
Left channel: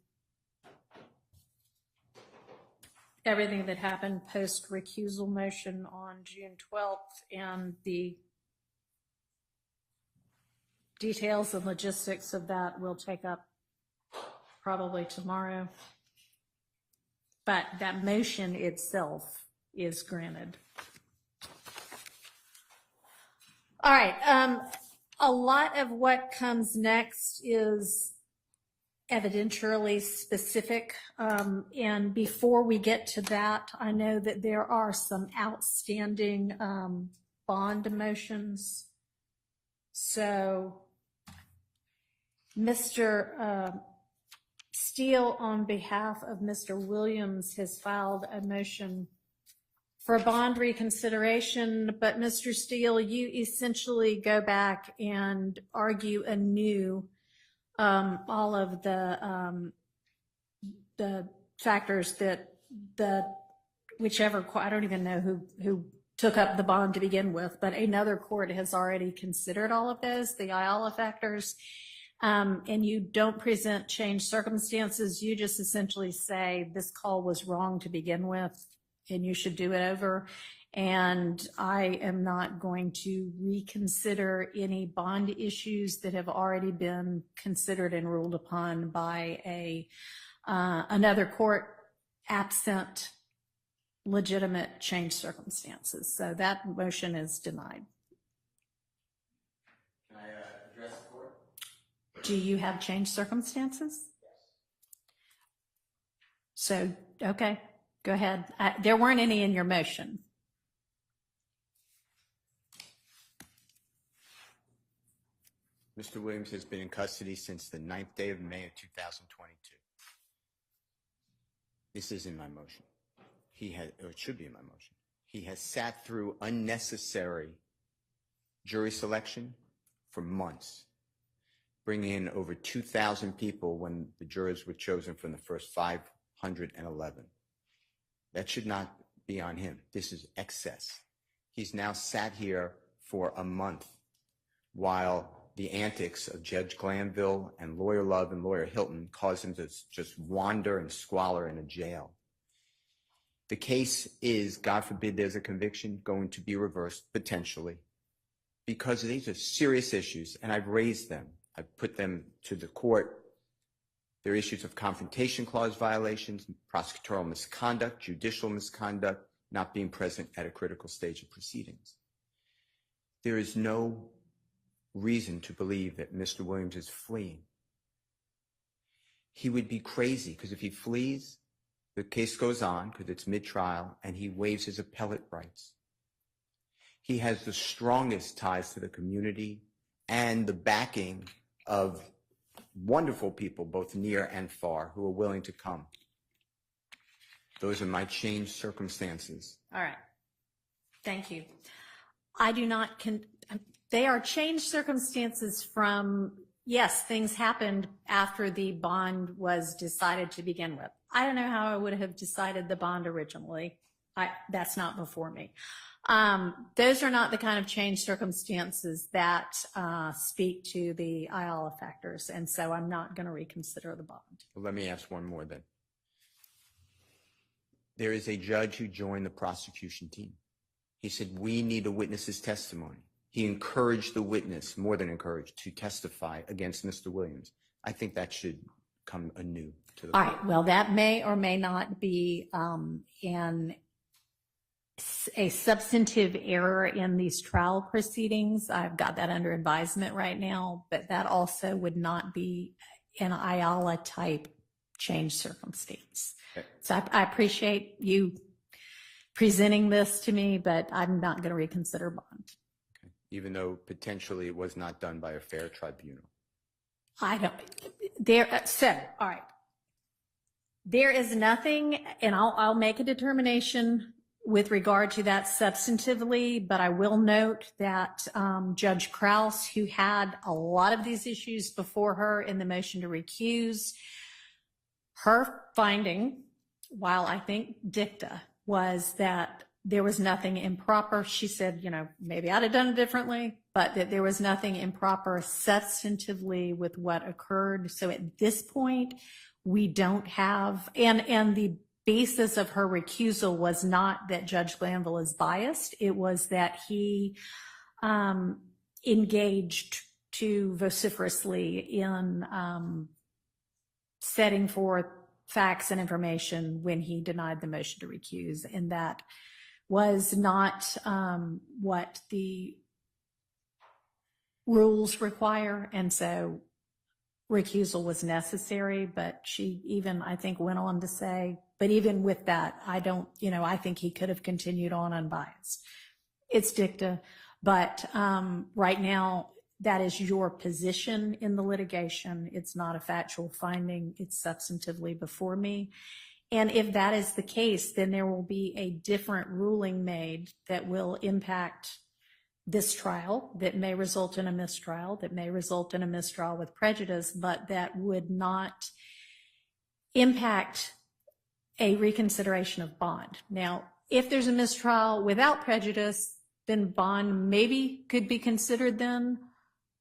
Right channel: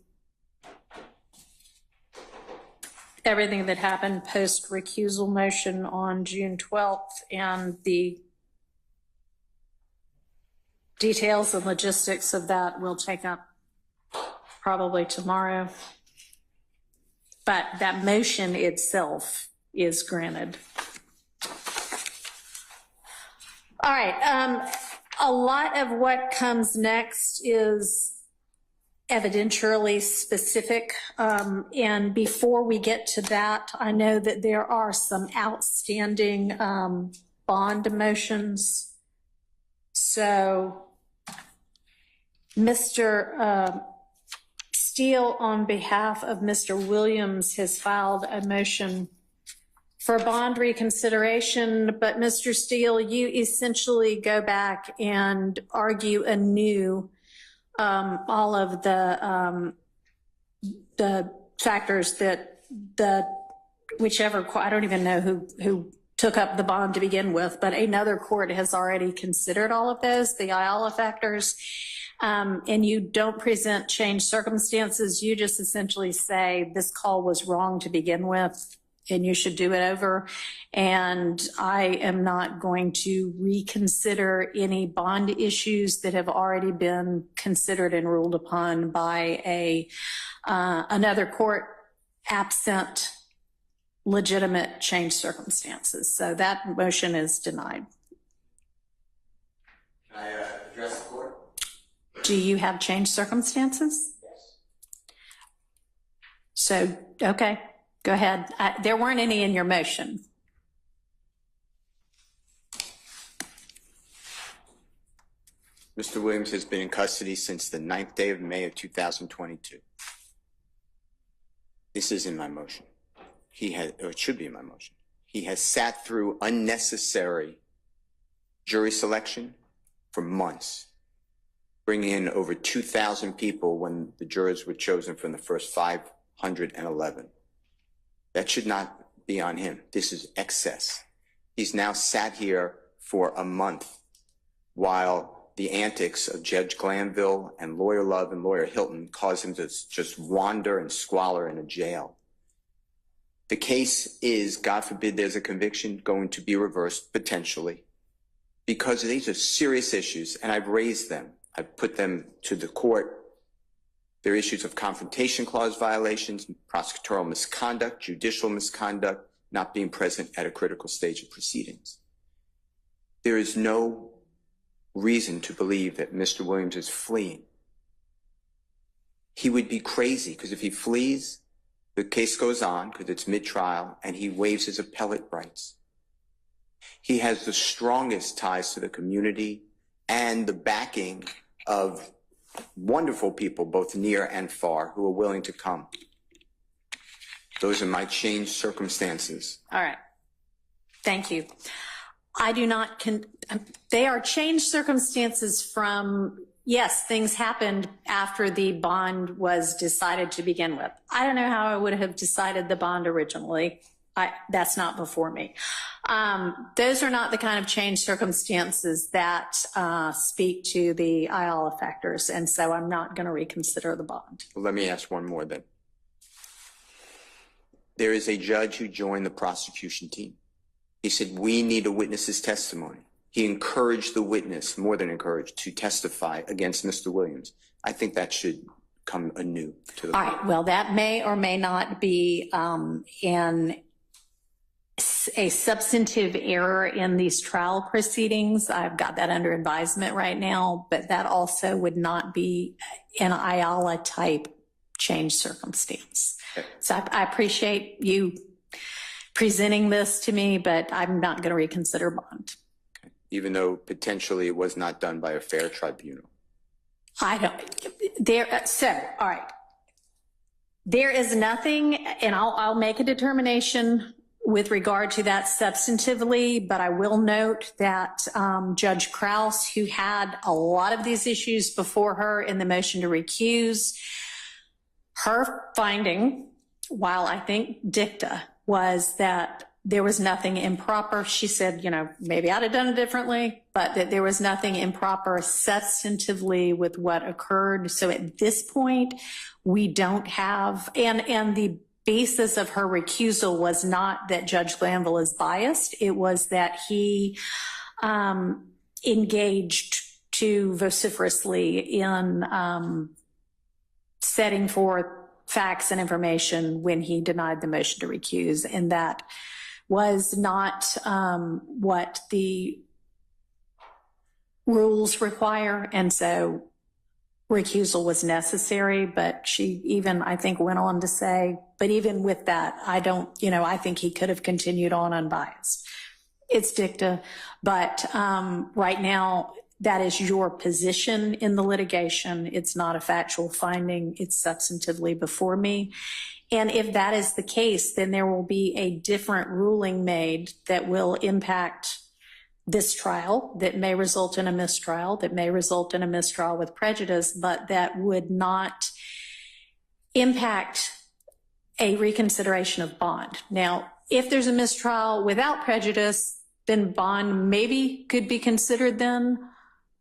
everything that happened post recusal motion on June 12th, and the details and logistics of that we'll take up probably tomorrow. But that motion itself is granted. All right. A lot of what comes next is evidentially specific. And before we get to that, I know that there are some outstanding bond motions. So Mr. Steele, on behalf of Mr. Williams, has filed a motion for bond reconsideration, but Mr. Steele, you essentially go back and argue anew all of the factors that whichever, I don't even know who took up the bond to begin with, but another court has already considered all of those, the Ayala factors, and you don't present changed circumstances. You just essentially say this call was wrong to begin with and you should do it over. And I am not going to reconsider any bond issues that have already been considered and ruled upon by another court absent legitimate changed circumstances. So that motion is denied. Can I address the court? Do you have changed circumstances? Yes. So, okay, go ahead. There weren't any in your motion. Mr. Williams has been in custody since the 9th day of May of 2022. This is in my motion. Or it should be in my motion. He has sat through unnecessary jury selection for months, bringing in over 2,000 people when the jurors were chosen from the first 511. That should not be on him. This is excess. He's now sat here for a month while the antics of Judge Glanville and Lawyer Love and Lawyer Hilton caused him to just wander and squalor in a jail. The case is, God forbid there's a conviction, going to be reversed potentially because these are serious issues, and I've raised them. I've put them to the court. There are issues of confrontation clause violations, prosecutorial misconduct, judicial misconduct, not being present at a critical stage of proceedings. There is no reason to believe that Mr. Williams is fleeing. He would be crazy, because if he flees, the case goes on because it's mid-trial, and he waives his appellate rights. He has the strongest ties to the community and the backing of wonderful people, both near and far, who are willing to come. Those are my changed circumstances. All right. Thank you. I do not, they are changed circumstances from, yes, things happened after the bond was decided to begin with. I don't know how I would have decided the bond originally. That's not before me. Those are not the kind of changed circumstances that speak to the IALA factors, and so I'm not going to reconsider the bond. Well, let me ask one more then. There is a judge who joined the prosecution team. He said, we need a witness's testimony. He encouraged the witness, more than encouraged, to testify against Mr. Williams. I think that should come anew to the All right. Well, that may or may not be a substantive error in these trial proceedings. I've got that under advisement right now, but that also would not be an IALA type change circumstance. Okay. So I appreciate you presenting this to me, but I'm not going to reconsider bond. Okay. Even though potentially it was not done by a fair tribunal. I don't, so, all right. There is nothing, and I'll make a determination with regard to that substantively, but I will note that Judge Krause, who had a lot of these issues before her in the motion to recuse, her finding, while I think dicta, was that there was nothing improper. She said, maybe I'd have done it differently, but that there was nothing improper substantively with what occurred. So at this point, we don't have, and the basis of her recusal was not that Judge Glanville is biased. It was that he engaged too vociferously in setting forth facts and information when he denied the motion to recuse. And that was not what the rules require. And so recusal was necessary, but she even, I think, went on to say, but even with that, I don't, I think he could have continued on unbiased. It's dicta, but right now, that is your position in the litigation. It's not a factual finding. It's substantively before me. And if that is the case, then there will be a different ruling made that will impact this trial, that may result in a mistrial, that may result in a mistrial with prejudice, but that would not impact a reconsideration of bond. Now, if there's a mistrial without prejudice, then bond maybe could be considered then.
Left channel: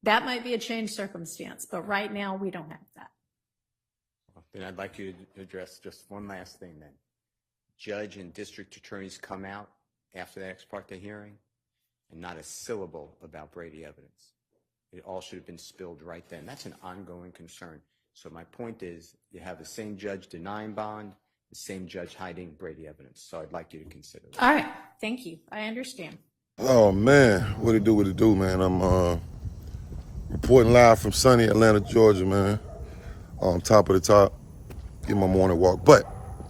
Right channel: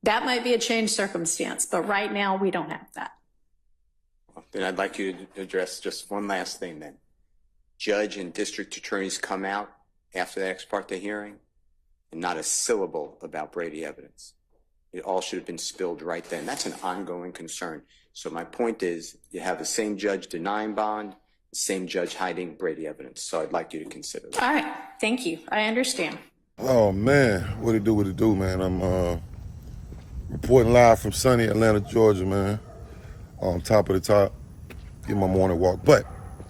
That might be a changed circumstance, but right now we don't have that. Well, then I'd like you to address just one last thing then. Judge and district attorneys come out after the ex parte hearing and not a syllable about Brady evidence. It all should have been spilled right then. That's an ongoing concern. So my point is, you have the same judge denying bond, the same judge hiding Brady evidence. So I'd like you to consider that. All right, thank you. I understand. Oh man, what it do, man? I'm reporting live from sunny Atlanta, Georgia, man. On top of the top, get my morning walk. But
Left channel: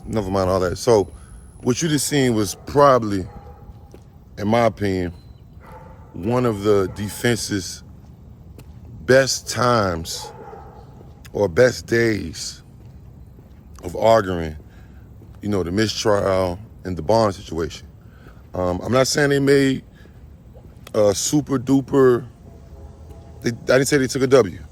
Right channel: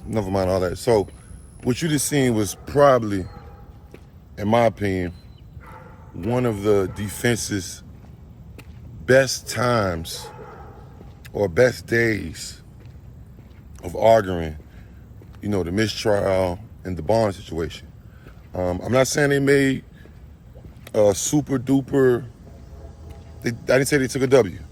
never mind all that. So what you just seen was probably, in my opinion, one of the defense's best times or best days of arguing, the mistrial and the bond situation. I'm not saying they made a super duper, I didn't say they took a W.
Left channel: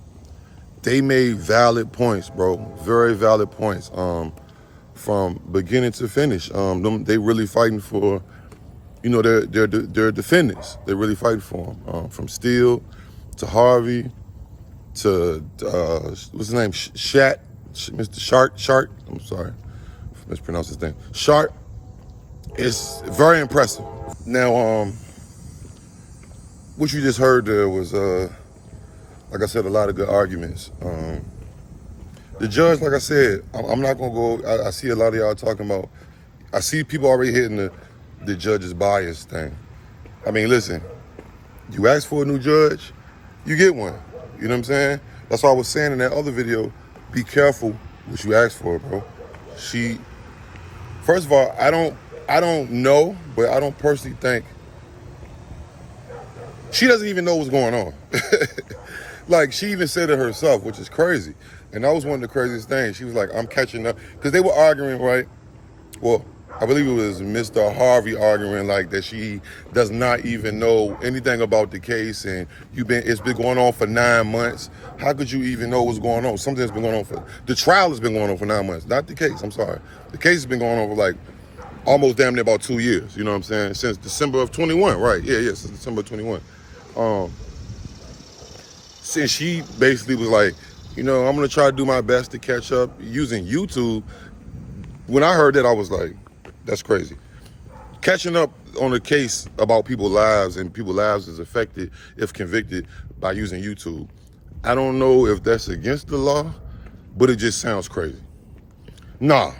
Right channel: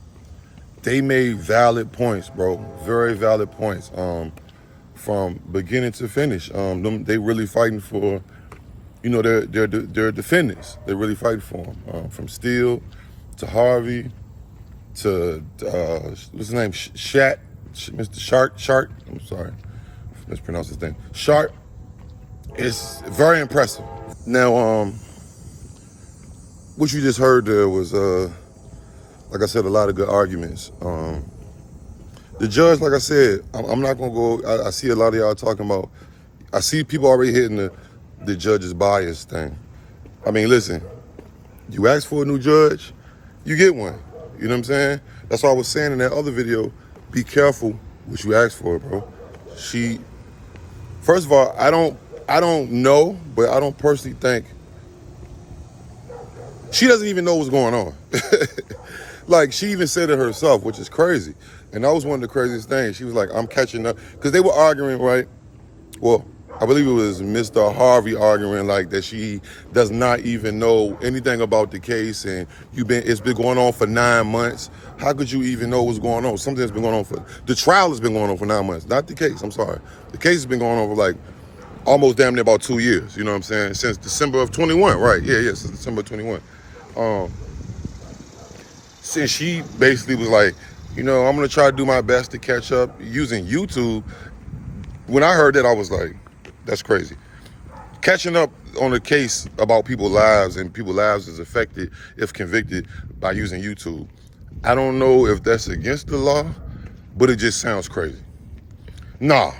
They made valid points, bro, very valid points from beginning to finish. They really fighting for, their defendants. They're really fighting for them, from Steele to Harvey what's his name? Mr. Shark. I'm sorry, mispronounced his name. Shark. It's very impressive. Now, what you just heard there was, like I said, a lot of good arguments. The judge, like I said, I'm not gonna go. I see a lot of y'all talking about. I see people already hitting the judge's bias thing. I mean, listen, you ask for a new judge, you get one. You know what I'm saying? That's why I was saying in that other video, be careful what you ask for, bro. First of all, I don't know, but I don't personally think, she doesn't even know what's going on. Like, she even said it herself, which is crazy. And that was one of the craziest things. She was like, I'm catching up. Because they were arguing, right? Well, I believe it was Mr. Harvey arguing like that she does not even know anything about the case, and it's been going on for 9 months. How could you even know what's going on? Something that's been going on the trial has been going on for 9 months, not the case, I'm sorry. The case has been going on for like almost damn near about 2 years, you know what I'm saying? Since December of 21, right? Yeah, since December of 21. Since she basically was like, I'm gonna try to do my best to catch up using YouTube. When I heard that, I was like, that's crazy. Catching up on a case about people's lives and people's lives is affected if convicted by using YouTube. I don't know if that's against the law, but it just sounds crazy. Nah.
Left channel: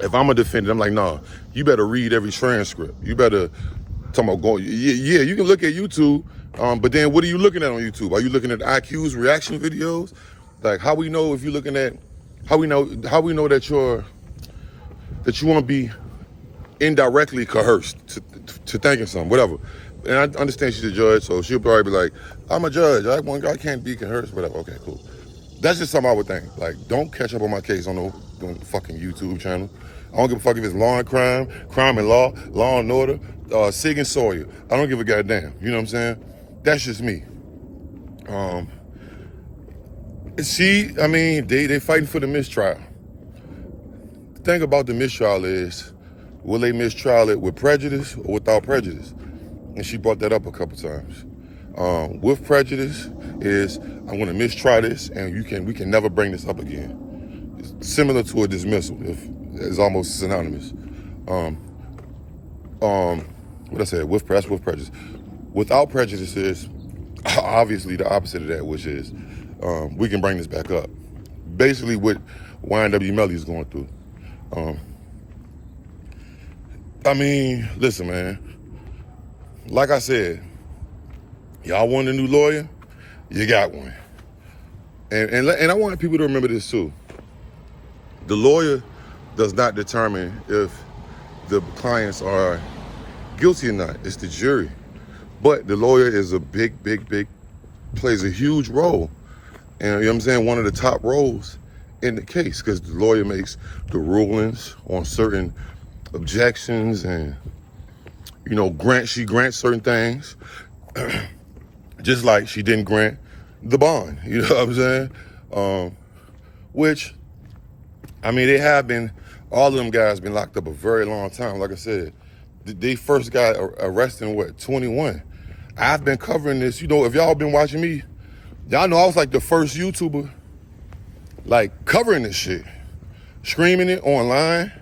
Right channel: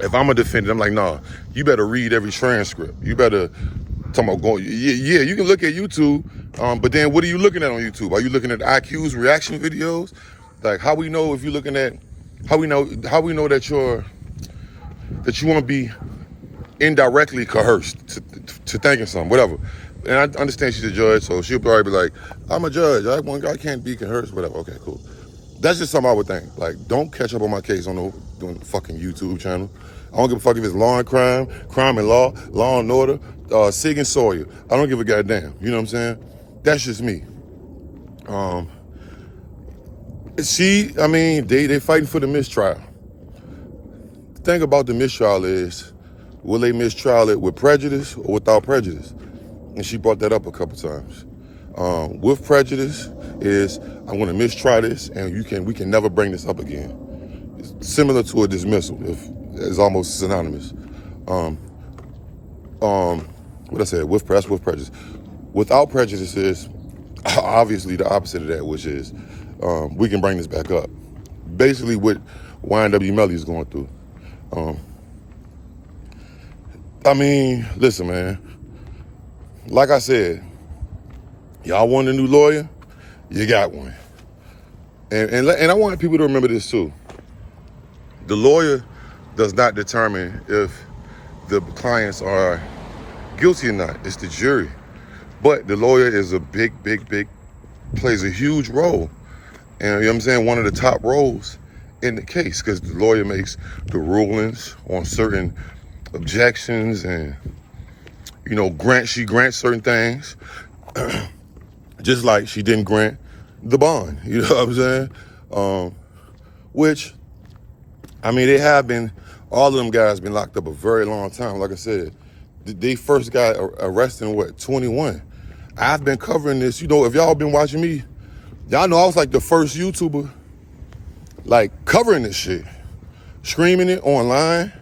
If I'm a defendant, I'm like, nah, you better read every transcript. You better, talking about going, yeah, you can look at YouTube, but then what are you looking at on YouTube? Are you looking at IQ's reaction videos? Like, how we know if you're looking at, how we know that you want to be indirectly coerced to thinking something, whatever. And I understand she's a judge, so she'll probably be like, I'm a judge, I can't be coerced, whatever. Okay, cool. That's just something I would think. Like, don't catch up on my case on the fucking YouTube channel. I don't give a fuck if it's law and crime, crime and law, law and order, Sig and Sawyer. I don't give a goddamn. You know what I'm saying? That's just me. They fighting for the mistrial. The thing about the mistrial is, will they mistrial it with prejudice or without prejudice? And she brought that up a couple times. With prejudice is, I'm gonna mistry this and we can never bring this up again. It's similar to a dismissal, it's almost synonymous. What I said, with prejudice. Without prejudice is obviously the opposite of that, which is we can bring this back up. Basically what YNW Melly is going through. Listen, man. Like I said, y'all want a new lawyer? You got one. And I want people to remember this too. The lawyer does not determine if the clients are guilty or not. It's the jury. But the lawyer is plays a huge role. And you know what I'm saying? One of the top roles in the case, because the lawyer makes the rulings on certain objections and, she grants certain things. Just like she didn't grant the bond, you know what I'm saying? They have been, all of them guys been locked up a very long time. Like I said, they first got arrested in 21? I've been covering this, if y'all been watching me, y'all know I was like the first YouTuber, like covering this shit, streaming it online.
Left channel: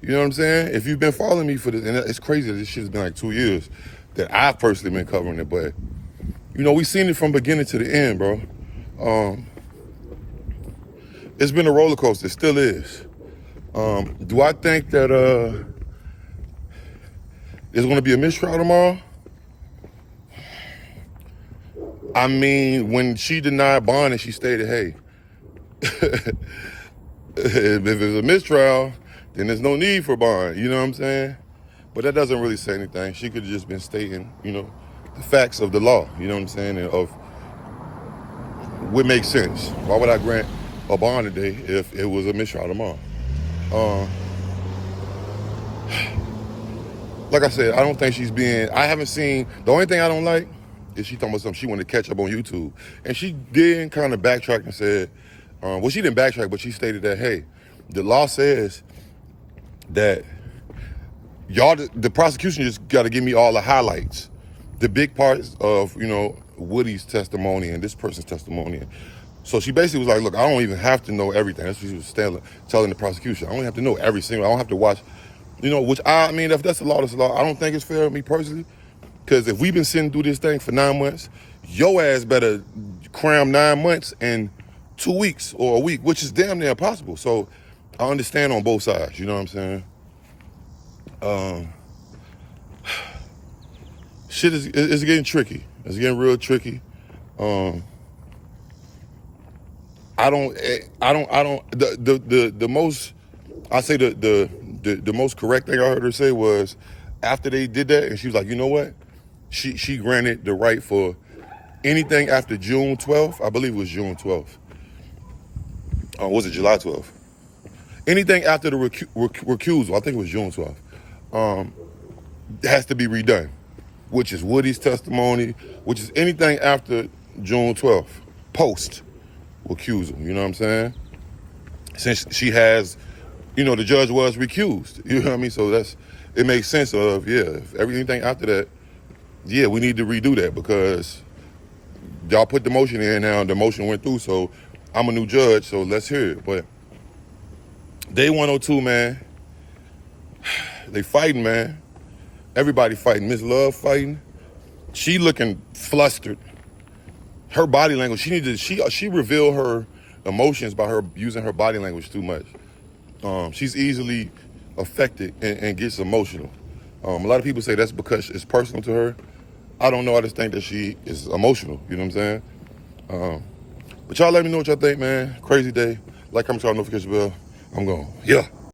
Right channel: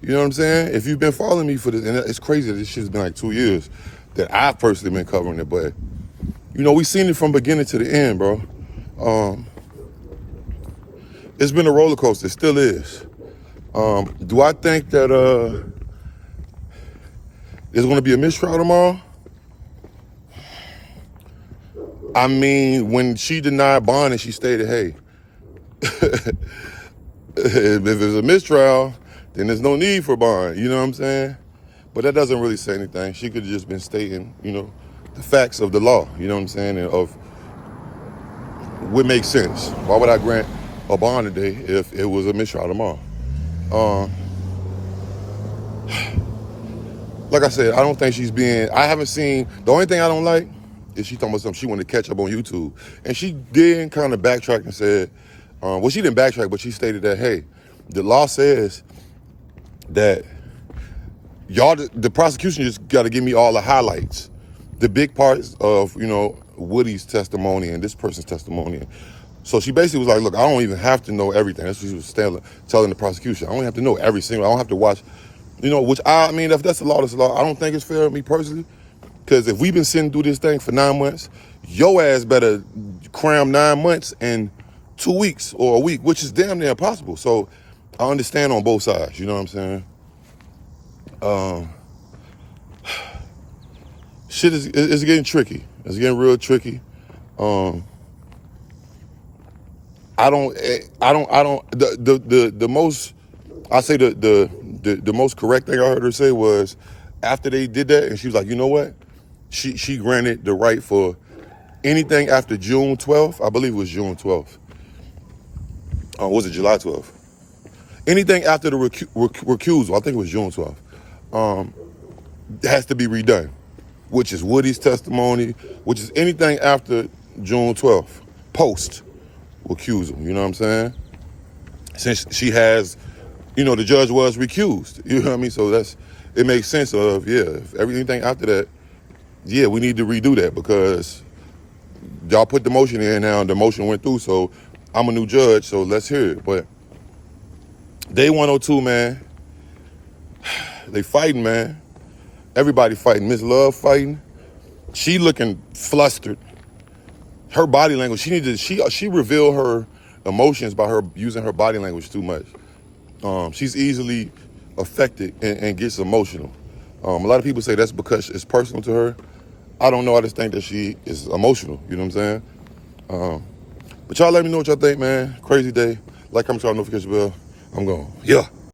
You know what I'm saying? If you've been following me for this, and it's crazy that this shit's been like 2 years that I've personally been covering it, but we seen it from beginning to the end, bro. It's been a roller coaster, it still is. Do I think that there's gonna be a mistrial tomorrow? When she denied bond and she stated, hey, if there's a mistrial, then there's no need for bond, you know what I'm saying? But that doesn't really say anything. She could have just been stating, the facts of the law, you know what I'm saying, and of what makes sense. Why would I grant a bond today if it was a mistrial tomorrow? Like I said, I don't think I haven't seen, the only thing I don't like is she talking about something she wanted to catch up on YouTube. And she did kind of backtrack and said, she didn't backtrack, but she stated that, hey, the law says that the prosecution just got to give me all the highlights, the big parts of, Woody's testimony and this person's testimony. So she basically was like, look, I don't even have to know everything. That's what she was telling the prosecution. I don't have to know every single, I don't have to watch, which I mean, if that's the law, that's the law. I don't think it's fair, me personally, because if we've been sitting through this thing for 9 months, your ass better cram 9 months and 2 weeks or a week, which is damn near impossible. So I understand on both sides, you know what I'm saying? Shit is getting tricky. It's getting real tricky. The most, I say the most correct thing I heard her say was after they did that, and she was like, you know what? She granted the right for anything after June 12th. I believe it was June 12th. Was it July 12th? Anything after the recusal, I think it was June 12th, has to be redone, which is Woody's testimony, which is anything after June 12th, post recusal, you know what I'm saying? Since she has, the judge was recused, you know what I mean? So it makes sense of, if anything after that, we need to redo that because y'all put the motion in now and the motion went through, so I'm a new judge, so let's hear it. But day 102, man, they fighting, man. Everybody fighting. Miss Love fighting. She looking flustered. Her body language, she revealed her emotions by her using her body language too much. She's easily affected and gets emotional. A lot of people say that's because it's personal to her. I don't know. I just think that she is emotional. You know what I'm saying? But y'all let me know what y'all think, man. Crazy day. Like, comment, notification bell. I'm going. Yeah.